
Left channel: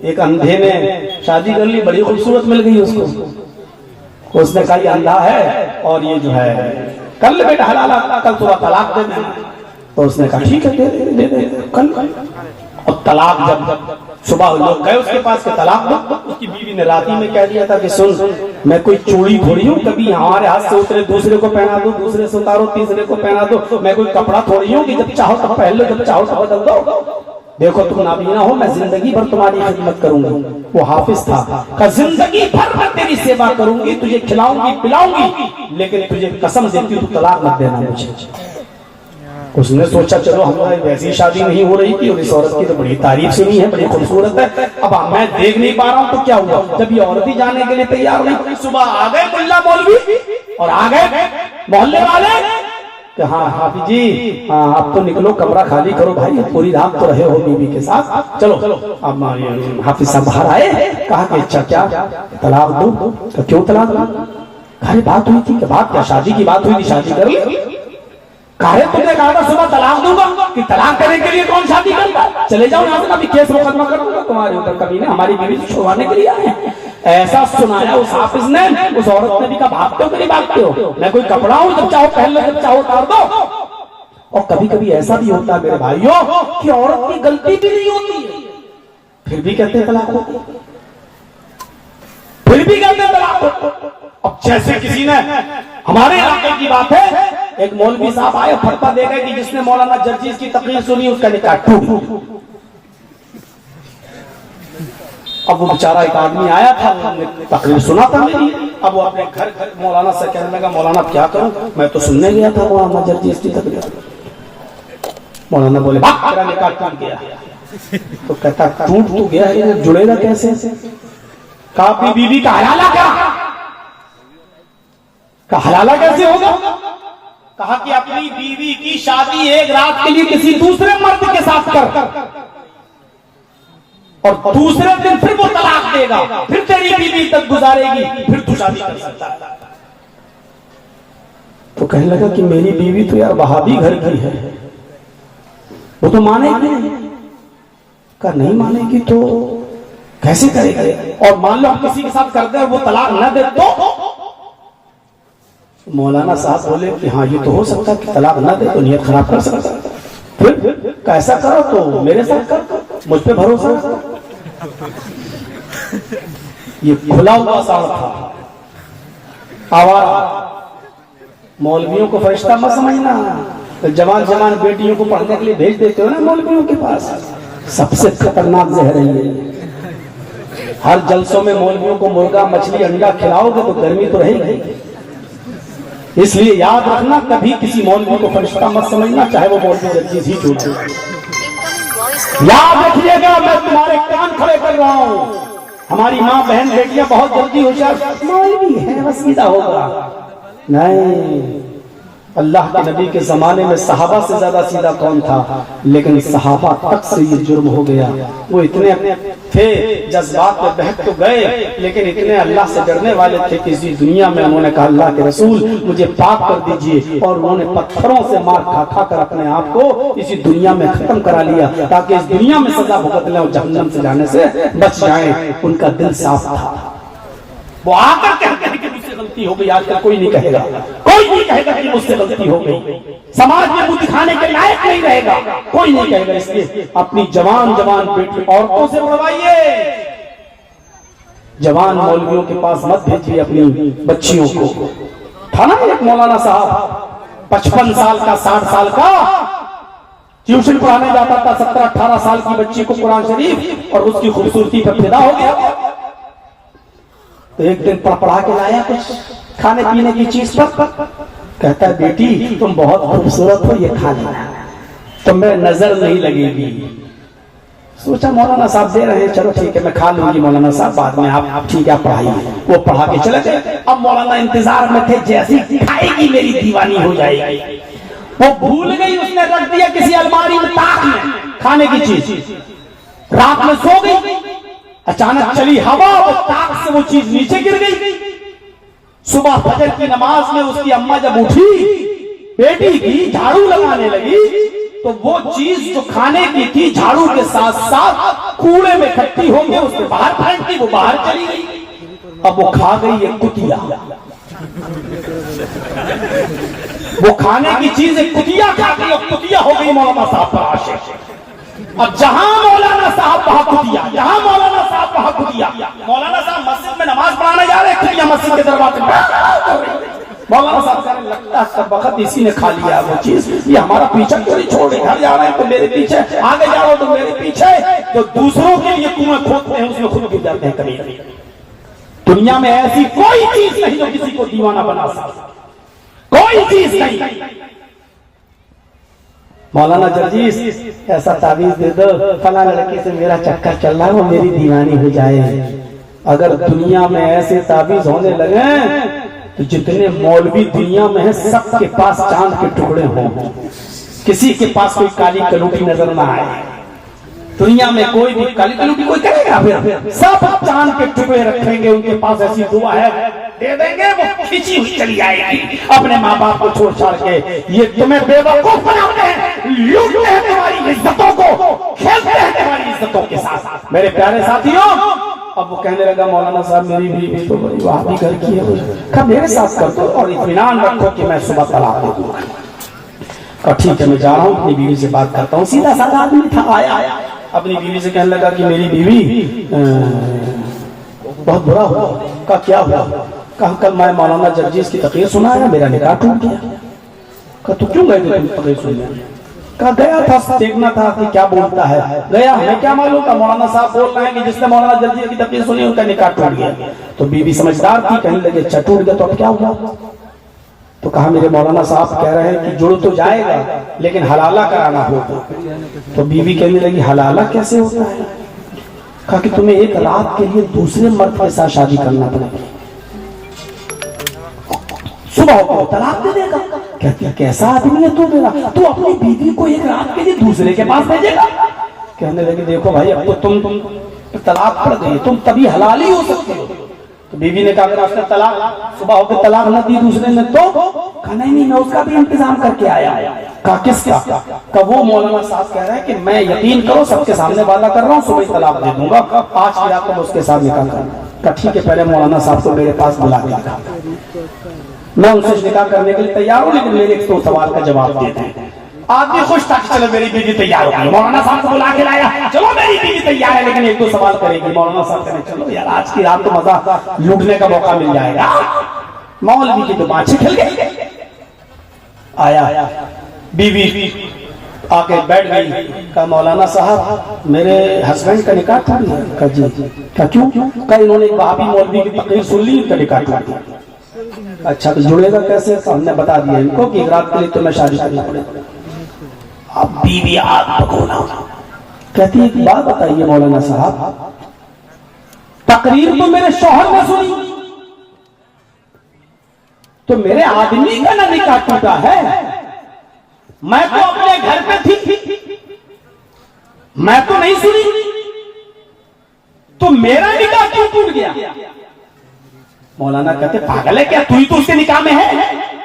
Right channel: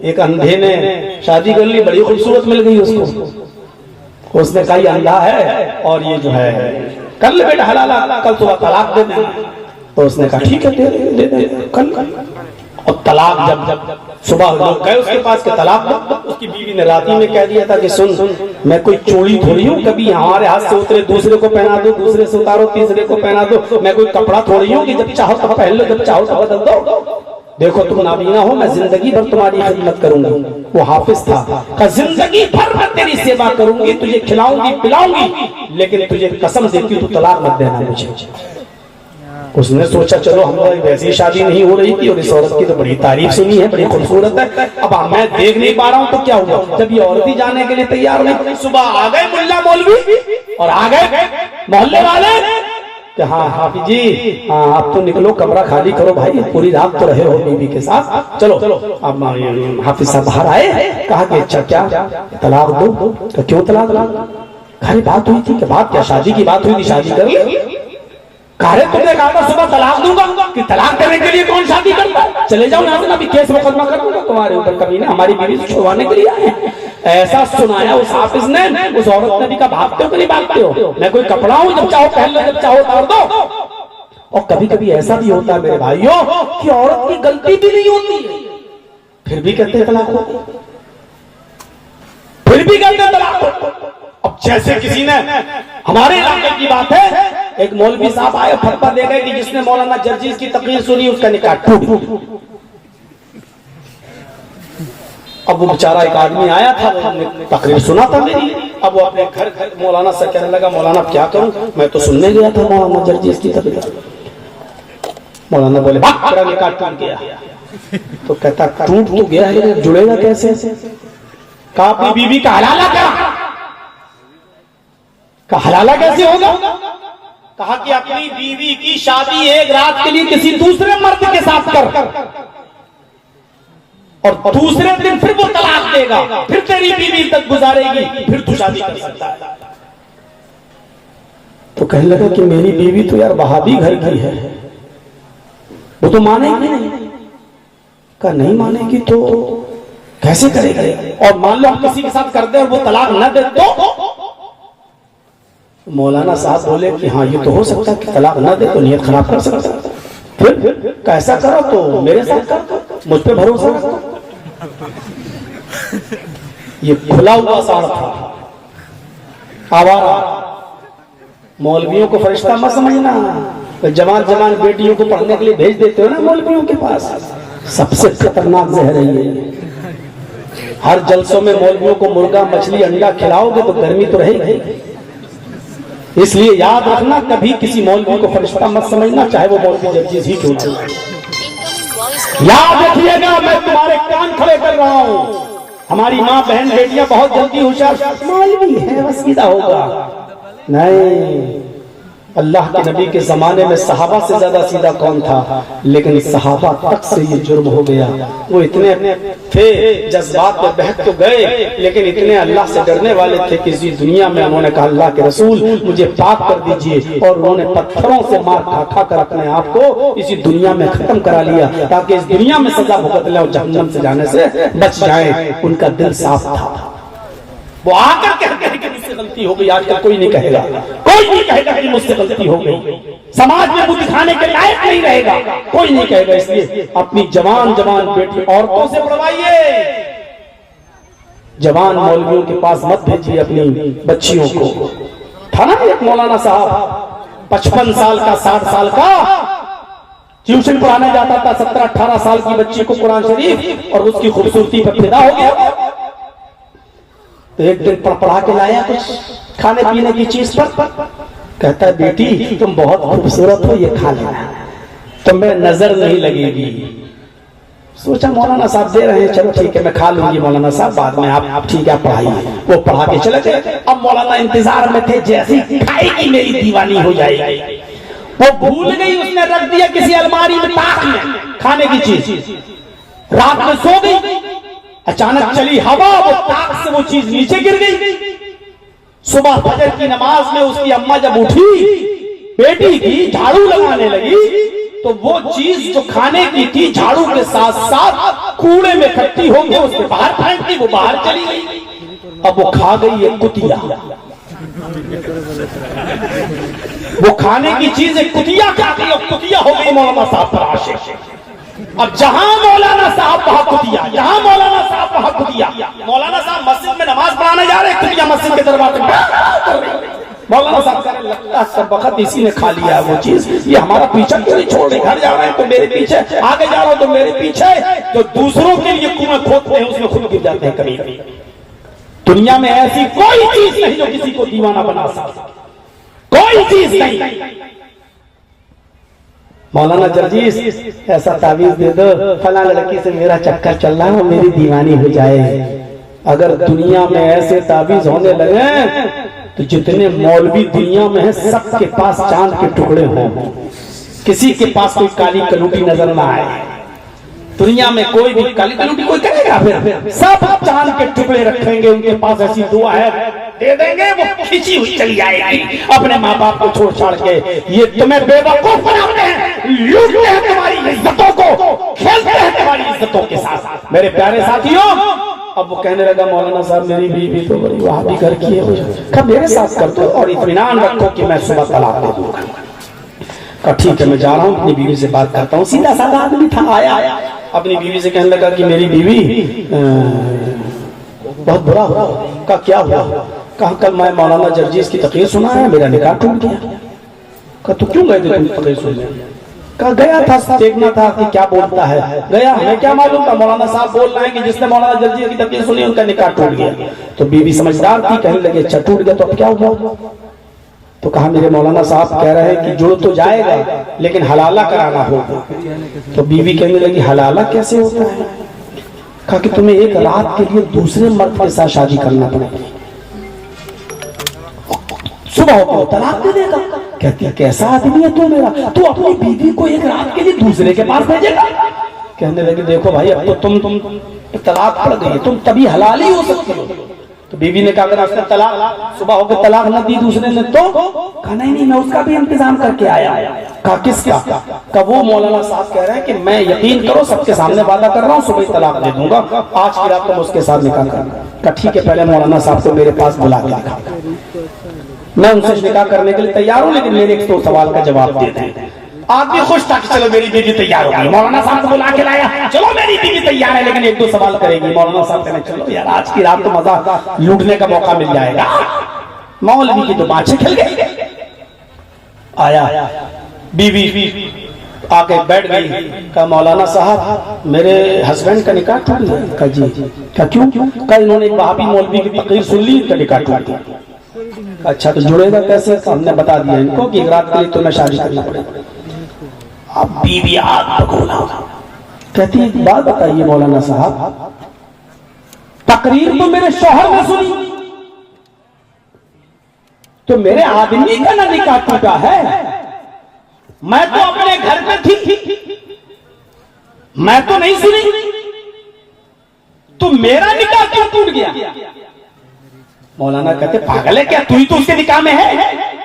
एक अंधे ने शादी कर ली, बड़ी खूबसूरत मिल गई उसको, उसने कहा ये अंधा है और ये जो है कर ले बेटा हलाला, कल सुबह तलाक दे देना। तो उसने कहा ठीक है दे दे कल। और तलाक जब सुबह लोग गए उसके पास के तलाक दो, उसकी बीवी ने रात ही में कह दिया था कि सुन, मैं कोई चोरी थोड़ी हूँ, कभी हमारे हाथ से उतरे दूसरे को पहना दो, दूसरे से उतारो तीसरे को पहना दो, मैं कोई कपड़ा थोड़ी हूँ कि जब चाहो तब पहन लो, जब चाहो तब बदल दो। देखो तुम नाबीना हो, मैं जिंदगी भर तुम्हारी खिदमत करूंगा। वो हाफिज था, जिंदगी भर मैं तेरी सेवा करूंगी, तुझे खिलाऊंगी पिलाऊंगी, लेकिन तुझे कसम देती हूँ तलाक मत देना मुझे। उसने सोचा चलो हमारी वैसी शादी नहीं हो रही थी और इस औरत की तो बड़ी तारीफ सुनी है, बड़ी खूबसूरत है, अब मैं देख नहीं पा रहा हूँ, तो क्या हुआ? जब ये औरत ही जाने के लिए तैयार नहीं, सुबह आ गए मुल्ला मौलवी और आ गए मोहल्ले वाले कि हाँ हाफिज जी, हाँ अब तो निकलो, कमरा खाली करो भाई, पूरी रात तो रहे हो बीवी के साथ, चलो। अब हाफिज साहब बाहर आए, कहा कि अच्छा क्या तलाक दो? क्यों तलाक दो? अरे बात हुई थी, बात क्या, शादी की बात हुई थी, शादी कर ले। कहा तुमने कहा था सुबह तलाक दूंगा, कि तलाक करने के लिए कौन शादी करता? चले जाओ यहाँ से, अभी केस मुकदमा कर दूंगा तुम्हारे ऊपर, कभी ने हमारी बीवी से छुड़वाने के लिए आए। ऐसा सुनाया उस हाफिज ने। उस औरत ने भी कहा भागते हो कि नहीं भागते हो, मैं कोई कपड़ा हूँ, जब चाहो पहन लो, जब चाहो उतार दो। और कभी कभी ऐसा भी होता है मेरे भाइयों कि औरत की गलती भी नहीं होती, फिर भी कहते हैं तलाक दो, फिर भी कहते हैं तलाक दो। अब जैसे किसी ने, हमारे इलाके की बात है, एक मौलवी साहब आए, फतवा दे गए कि जिसने मौलाना जर्जीज की तकरीर सुनी उसका निकाह टूट। अब वो बेचारा एक आदमी आया था, तकरीर सुना था मेरी, अब वो अपने घर मौलाना से कहने लगा मौलाना क्या करूं, मैं तो सुनने गया था मौलाना जर्जीज की तकरीर। मौलाना बोले तेरा निकाह टूट गया। तो कहता टूट तो गया है, जुड़ेगा कैसे? काफी बीवी का हलाला क्या, हलाला कैसे होगा? कहा कि अपनी बीवी की शादी एक रात के लिए किसी दूसरे मर्द के साथ कर, और दूसरे दिन फिर वो तलाक देगा, फिर तेरी बीवी तक गुजारेगी, फिर तू शादी कर सकता है। तो कहने लगा कि मेरी बीवी तो यार वहाबी घर की है, वो तो मानेगी नहीं। कहा नहीं मानेगी तो कैसे करेगी, और मान लो हम किसी के साथ कर दे और वो तलाक न दे तो? मौलाना साहब बोले कि हाँ ये तो हो सकता है कि तलाक न दे तो नियत खराब कर सकता है। फिर कैसा करो तो मेरे साथ कर, मुझ पे भरोसा रखो। ये खुला हुआ साथ था। आवारा मौलवियों को फरिश्ता मत समझना, तो जवान जवान बेटियों को पढ़ने के लिए भेज देते हो ना मौलवियों के पास, सबसे खतरनाक जहर है। हर जलसों में मौलवियों को मुर्गा मछली अंडा खिलाओगे तो गर्मी तो रहेगी। इसलिए याद रखना, कभी किसी मौलवी को फरिश्ता मत समझना, चाहे वो मौलवी जर्जीस ही क्यों हो। याद रखिएगा, मैं तुम्हारे कान खड़े कर रहा हूँ। हमारी माँ बहन बेटियां बहुत जल्दी होशियार, मौलवी है बस सीधा होगा, नहीं। अल्लाह के नबी के जमाने में सहाबा से ज्यादा सीधा कौन था, लेकिन सहाबा तक से ये जुर्म हो गया। वो इतने थे, जज्बात में बहक तो गए, लेकिन इतने अल्लाह से डरने वाले थे कि इसी दुनिया में उन्होंने कहा अल्लाह के रसूल मुझे पाक कर दीजिए, और उन्होंने पत्थरों से मार खा खा कर अपने आप को इसी दुनिया में खत्म करा लिया, ताकि इस दुनिया में सजा भुगत ले और जहन्नम से जाने से बच जाए। उनका दिल साफ था। वो आकर कहते हैं कि मुझसे गलती हो गई। आजकल कोई नहीं कहेगा, कोई नहीं कहेगा कि मुझसे गलती हो गई। समाज में मुंह दिखाने के लायक नहीं रहेगा, कोई नहीं कहेगा। इसलिए अपनी जवान जवान बेटी औरतों से बुलवाइए, जवान मौलवियों के पास मत भेजिए अपनी बच्चियों को। था ना एक मौलाना साहब 55 साल का 60 साल का ट्यूशन पढ़ाने जाता था, 17-18 साल की बच्ची को कुरान शरीफ, और उसकी खूबसूरती पर फिदा हो गया। तो एक दिन पढ़ा के लाया कुछ खाने पीने की चीज पर, कहता है बेटी तुम बहुत खूबसूरत हो, ये खा लेना, तो मैं नजर नहीं लगेगी। सोचा मौलाना साहब दे रहे हैं, चलो ठीक है मैं खा लूंगी मौलाना साहब, बाद में आप ठीक है पढ़ाइए। वो पढ़ा के चले गए। अब मौलाना इंतजार में थे, जैसी खाएगी मेरी दीवानी हो जाएगी। वो भूल गई, उसने रख दिया किसी अलमारी में ताक में खाने की चीज, रात में सो गई। अचानक चली हवा, वो ताक से वो चीज नीचे गिर गई। सुबह फजर की नमाज में उसकी अम्मा जब उठी, बेटी की झाड़ू लगाने लगी, तो वो चीज जो खाने की थी झाड़ू के साथ साथ कूड़े में इकट्ठी होंगे, उसके बाहर फेंक दी, वो बाहर चली गई। अब वो खा गई एक कुतिया, वो खाने की चीज एक कुतिया खा गई, और कुतिया हो गई मौलाना साहब पर आशिक। अब जहां मौलाना साहब वहां कुतिया, जहां मौलाना साहब वहां कुतिया। मौलाना साहब मस्जिद में नमाज पढ़ाने जा रहे, कुतिया मस्जिद के दरवाजे में। मौलाना साहब कहने लगता सब वक्त इसी ने खा लिया वो चीज, ये हमारा पीछा क्यों नहीं छोड़ रही, घर जा रहे हैं तो मेरे पीछे, आगे जा रहे हो तो मेरे पीछे। तो दूसरों के लिए कुएं खोदते हैं, उसमें खुद गिर जाते हैं कभी कभी। दुनिया में ऐसी कोई चीज नहीं जो किसी को दीवाना बना सके, कोई चीज नहीं। मौलाना जर्जीस ऐसा तावीज दे दो, फला लड़की से मेरा चक्कर चल रहा है, वो मेरी दीवानी हो जाए। अगर दुनिया में ऐसे तावीज होने लगे तो जितने मौलवी दुनिया में हैं सबके पास चांद के टुकड़े हों, किसी के पास कोई काली कलूटी नजर ना आए। दुनिया में कोई भी काली कलूटी कोई करेगा, फिर सब चांद के टुकड़े रखेंगे, उनके पास ऐसी दुआ है दे देंगे, वो खींची हुई चली आएगी अपने माँ बाप को छोड़ छाड़ के। ये तुम्हें बेवकूफ बनाते हैं, लूटते हैं तुम्हारी इज्जतों को, खेलते हैं तुम्हारी इज्जतों के साथ। मेरे प्यारे साथियों, अब वो कहने लगा मौलाना साहब मेरी बीवी तो बड़ी वहाबी घर की है, कब मेरे साथ कर दो और इत्मीनान रखो कि मैं सुबह तलाक दे दूंगा। ठीक है मैं जा रहा हूँ, अपनी बीवी से बात करता हूँ। सीधा साधा आदमी था, आया अपनी बीवी से कहने लगा कि मेरी बीवी बहुत बुरा हुआ। कहा क्या हुआ? कहा कल मैं मौलाना जर्जीस की तकरीर सुना है, मेरा निकाह टूट गया। कहा तो क्यों गए थे तुम तकरीर सुनने? कहा गया था, देखना था कि क्या बोलता है, गया, हमें क्या मालूम था मौलाना साहब बोल रहे हैं कि जिसने मौलाना जर्जीस की तकरीर सुनी उनका निकाह टूट गया। तो बीवी समझदार थी, कहने लगे अच्छा टूट गया तो अब क्या हुआ? तो कहा मेरे मौलाना साहब कह रहे हैं कि जो तो जाएगा लेकिन हलाला कराना होगा। तो बीवी कहने लगी हलाला कैसे होता है? कहा कि तुम्हें एक रात के लिए दूसरे मर्द के साथ शादी करना पड़ेगा। सुबह को तलाक दे देगा। कहती है कैसा आदमी है तू मेरा, तू अपनी बीवी को एक रात के लिए दूसरे के पास भेजेगा। कहने लगे देखो भाई अब तो तुम तलाक पड़ गई, तुम तभी हलाली हो सकती हो। तो बीवी ने कहा अगर आपने तलाक सुबह होकर तलाक न दी दूसरे ने तो कहा नहीं मैं उसका भी इंतजाम करके आया। कहा किसका? कहा वो मौलाना साहब कह रहे हैं कि मैं यकीन करो सबके सामने वादा कर रहा हूँ सुबह तलाक दे दूंगा, आज की रात तुम उसके साथ निकाह करना। कहा ठीक है पहले मौलाना साहब को मेरे पास बुला के दिखा, मैं उनसे निकाह करने के लिए तैयार हूँ, लेकिन मेरे एक तो सवाल का जवाब दे दें। आदमी खुश था कि चलो मेरी बीवी तैयार हो गई, मौलाना साहब को बुला के लाया, चलो मेरी बीवी तैयार है लेकिन एक दो सवाल करेगी। मौलाना साहब कहने चलो यार आज की रात तो मजा लूटने का मौका मिल जाएगा। मौलवी की तो बाछी खिल गई। आया बीवी आके बैठ गई। कहा मौलाना साहब मेरे हस्बैंड का निकाह टूट गया। कहा जी। कहा क्यों? कहा इन्होंने एक वहाबी मौलवी की तकरीर सुन ली, इनका निकाह टूट गया। अच्छा तो जुड़ेगा कैसे? हमने बता दिया इनको कि एक रात के लिए तुम्हें शादी करनी पड़ेगी। अब बीवी आग पकोड़ा कहती है बात बताइए मौलाना साहब, तकरीर तो मेरे शौहर ने सुनी, तो मेरे आदमी का ना निकाह टूटा है, मैं तो अपने घर पे थी, मैं तो नहीं सुनी, तो मेरा निकाह क्यों टूट गया? मौलाना कहते पागल है क्या, तू ही तो उसके निकाह में है।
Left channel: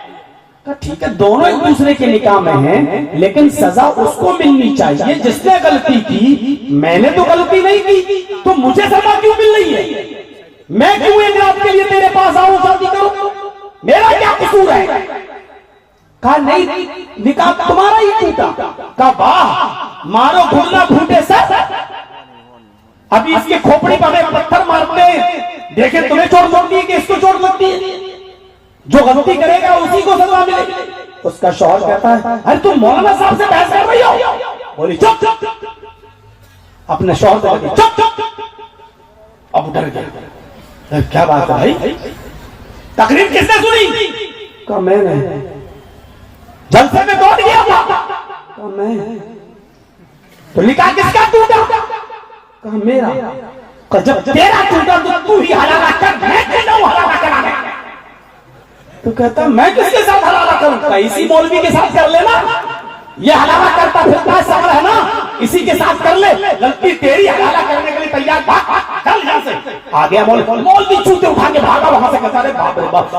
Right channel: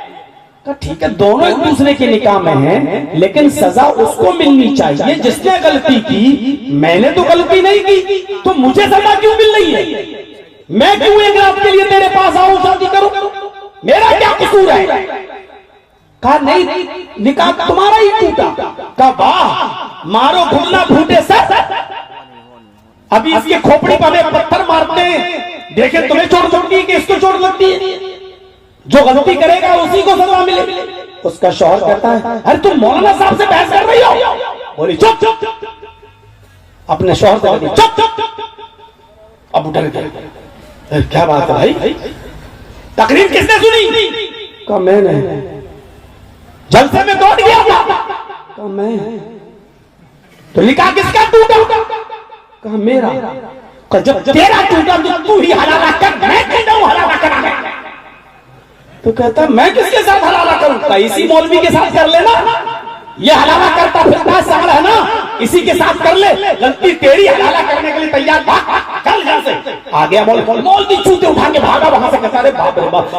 ठीक है दोनों एक दूसरे के निकाह में हैं, लेकिन सजा उसको मिलनी चाहिए जिसने गलती की। मैंने तो गलती नहीं की, तो मुझे सजा क्यों मिल रही है? मैं क्यों एक रात के लिए तेरे पास आऊं शादी करूं, मेरा क्या कसूर है? कहा नहीं निकाह तुम्हारा ही टूटा। कहा वाह मारो घुटना फूटे सर, अभी इसके खोपड़ी पर पत्थर मारते हैं, देखे तुम्हें चोट लगती है कि इसको चोट लगती है, जो गलती करेगा उसी को सजा मिले। उसका शौहर कहता है अरे तुम मौलाना साहब से बहस कर रही हो। बोली चुप चुप, अपने शौहर से बोली चुप चुप। अब उठर गया, क्या बात है भाई, तकरीर किसने सुनी? कहा मैंने। जलसे में दौड़ गया था? कहा मैं। तो निकाह किसका टूटा? कहा मेरा। कहा जब तेरा टूटा तो तू ही हलाला कर, मैं क्यों जाऊं हलाला कराने? तो कहता मैं किसके साथ हलाला करूं? इसी मौलवी के साथ कर लेना, ये हलाला करता फिरता सवाल है ना, इसी के साथ कर ले, गलती तेरी, हलाला करने के लिए तैयार, चल यहां से। आ गया मौलवी चूते उठा के भागा वहां से। कहता बाप रे बाप,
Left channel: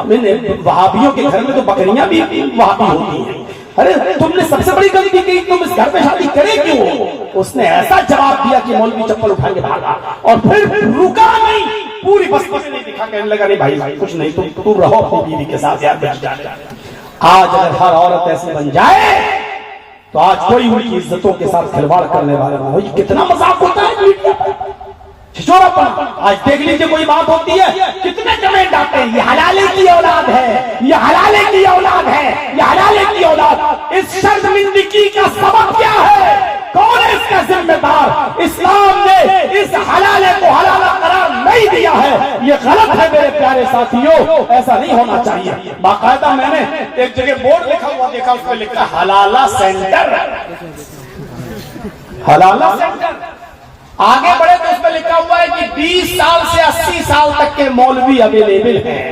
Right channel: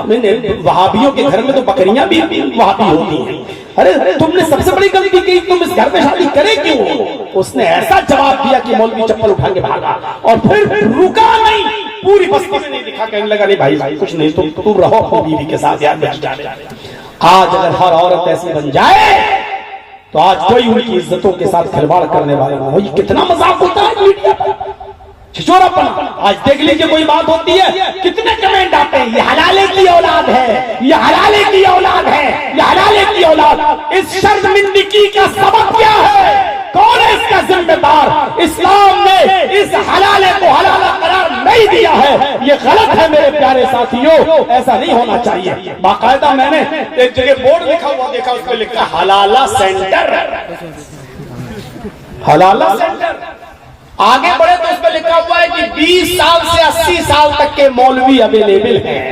वहाबियों के घर में तो बकरियां भी वहाबी होती हैं। अरे तुमने सबसे बड़ी गलती की, तुम इस घर में शादी करे क्यों? उसने ऐसा जवाब दिया कि मौलवी चप्पल उठा के भागा और फिर रुका नहीं, पूरी बस्ती में नहीं दिखा, कहने लगा नहीं भाई कुछ नहीं, तू रहो अपनी बीवी के साथ यार। आज अगर हर औरत ऐसी बन जाए तो आज कोई उनकी इज्जतों के साथ खिलवाड़ करने वाला ना हो। कितना मजाक होता है मीडिया पर, छिछोरापन। आज देख लीजिए कोई बात होती है, कितने कमेंट आते हैं, ये हलाले की औलाद है, ये हलाले की औलाद है, ये हलाले की औलाद। इस शर्मिंदगी का सबब क्या है? कौन है इसका जिम्मेदार? इस्लाम ने इस हलाले को हलाला करार नहीं दिया है, ये गलत है मेरे प्यारे साथियों, ऐसा नहीं होना चाहिए। बाकायदा मैंने एक जगह बोर्ड लिखा हुआ देखा, उस पर लिखा हलाला सेंटर, हलाला सेंटर। आगे बढ़े तो उस पर लिखा हुआ है कि 20 साल से 80 साल तक के मौलवी अवेलेबल हैं।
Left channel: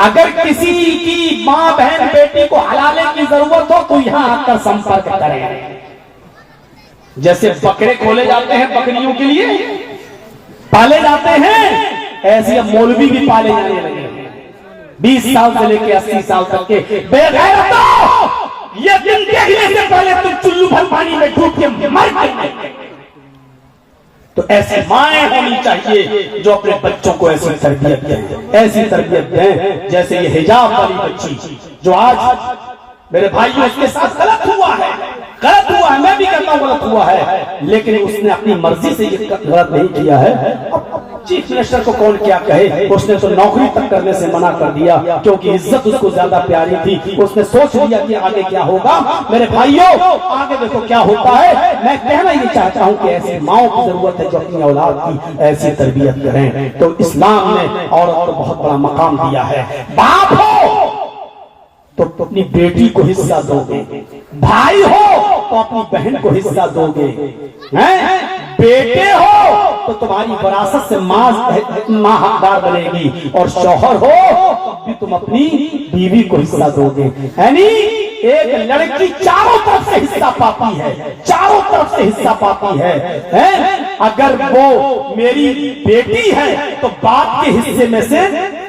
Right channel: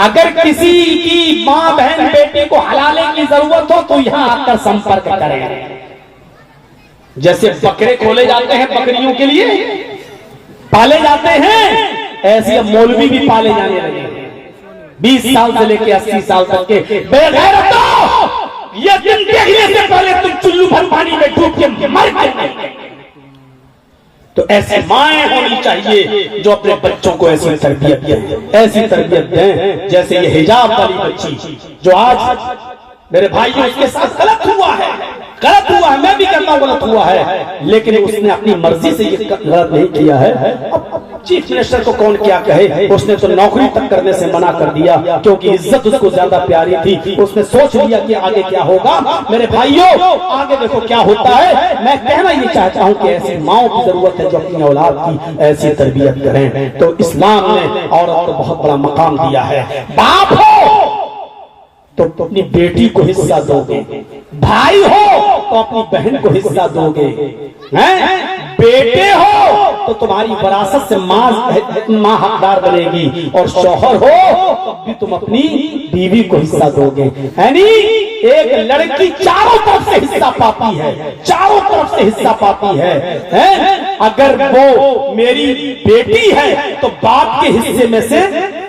अगर किसी की मां बहन बेटी को हलाले की जरूरत हो तो यहां आकर संपर्क करें। जैसे बकरे खोले जाते हैं बकरियों के लिए, पाले जाते हैं, ऐसे अब मौलवी भी पाले जाने लगे। 20 साल से लेकर 80 साल तक के बेगैरतो, ये दिन देखने से पहले तुम चुल्लू भर पानी में डूब के मर गए। तो ऐसी माएं होनी चाहिए जो अपने बच्चों को ऐसी तरबियत दें, ऐसी तरबियत दें जैसे ये हिजाब वाली बच्ची जो आज मेरे भाइयों उसके साथ गलत हुआ है, गलत हुआ है, मैं भी कहता हूं गलत हुआ है, लेकिन उसने अपनी मर्जी से ये गलत नहीं किया है। चीफ मिनिस्टर को कौन क्या कहे, उसने तो नौकरी तक करने से मना कर दिया क्योंकि इज्जत उसको ज्यादा प्यारी थी। उसने सोच लिया कि आगे क्या होगा। मेरे भाइयों आगे देखो क्या होता है। मैं कहना ये चाहता हूं कि ऐसी माओ की जरूरत है जो अपनी औलाद की ऐसी तरबियत करें। तो इस्लाम ने औरत को बहुत बड़ा मकाम दिया है। बाप हो तो अपनी बेटी को हिस्सा दोगे, भाई हो तो अपनी बहन को हिस्सा दोगे, हैं? बेटे हो तो तुम्हारी विरासत से मां हकदार बनेगी, और शौहर हो तो भी तुम अपनी बीवी को हिस्सा दोगे। यानी एक लड़की चारों तरफ से हिस्सा पाती है, चारों तरफ से हिस्सा पाती है? अगर वो मेरी बेटी है तो बाप के हिस्से में से,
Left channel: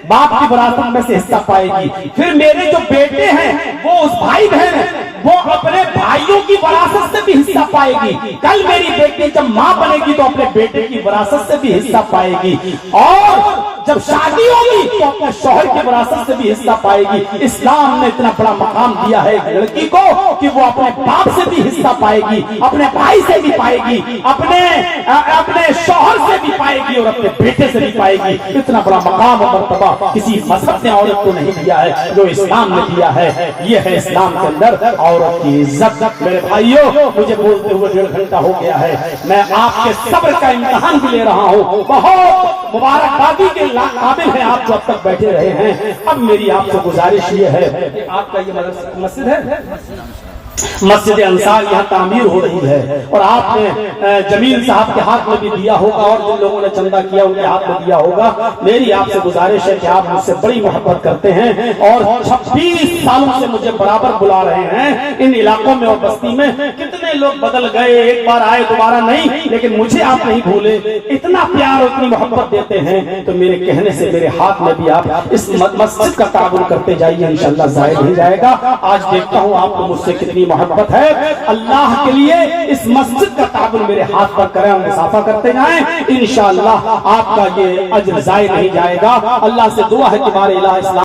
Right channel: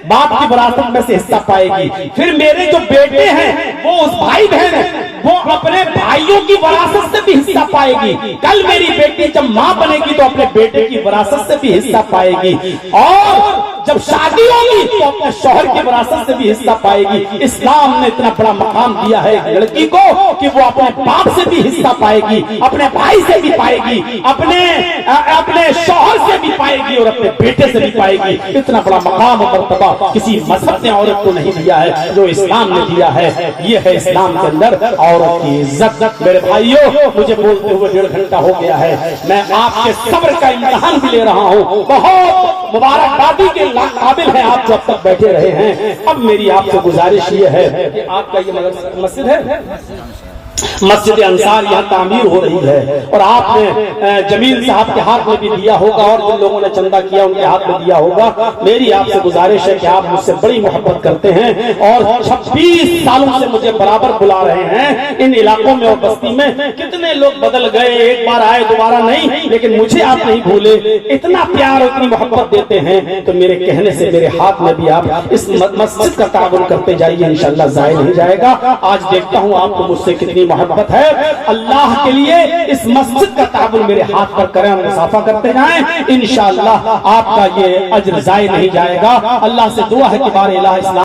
बाप की विरासत में से हिस्सा पाएगी। फिर मेरे जो बेटे हैं वो उस भाई बहन है, वो अपने भाइयों की विरासत से भी हिस्सा पाएगी। कल मेरी बेटी जब मां बनेगी तो अपने बेटे की विरासत से भी हिस्सा पाएगी, और जब शादी होगी तो अपने शौहर की विरासत से भी हिस्सा पाएगी। इस्लाम ने इतना बड़ा मकाम दिया है एक लड़की को कि वो अपने बाप से भी हिस्सा पाएगी, अपने भाई से भी पाएगी, अपने शौहर से भी पाएगी और अपने बेटे से भी पाएगी। इतना बड़ा मकाम और मर्तबा किसी मजहब ने औरत को नहीं दिया है जो इस्लाम ने दिया है। ये है इस्लाम के अंदर औरत की इज्जत। मेरे भाइयों, मुझे बोलते हुए 1.5 घंटा हो गया है, मैं आपके सब्र का इम्तिहान भी ले रहा हूँ। बहुत मुबारकबादी के काबिल है आप जो अब तक बैठे रहे हैं। अब मेरी आपसे गुजारिश ये है कि आपका ये मस्जिद है, मस्जिद अंसार यहाँ तामीर हो रही है, और आपने जमील साहब के हाथ में भी दिया होगा और जिन लोगों ने चंदा किया उनके हाथ में दिया होगा। मेरी आपसे गुजारिश है कि आप मुझसे बड़ी मोहब्बत करते हैं और 26 सालों से मुझे बराबर बुला रहे हैं। इन इलाकों में और बस्ती में कितने लोग बदल गए, एक बार आए दोबारा नहीं, लेकिन मुझे आप नहीं भूले। इतना प्यार, इतनी मोहब्बत देते हैं, तो मेरे कहने से मेरे हाथ में भी आप इस मस्जिद का ताबुन करते जाइए, इंशाअल्लाह ज़ाया नहीं जाएगा। आज देखता हूँ आपको मुझसे कितनी मोहब्बत है। अल्लाह के लिए इस मस्जिद का ताबुन मेरे हाथ पर करें, मुसाफा करते जाएं, इंशाअल्लाह आपका ये अज्र ज़ाया नहीं जाएगा। अल्लाह से दुआ है कि बारे इलाह इस्लाम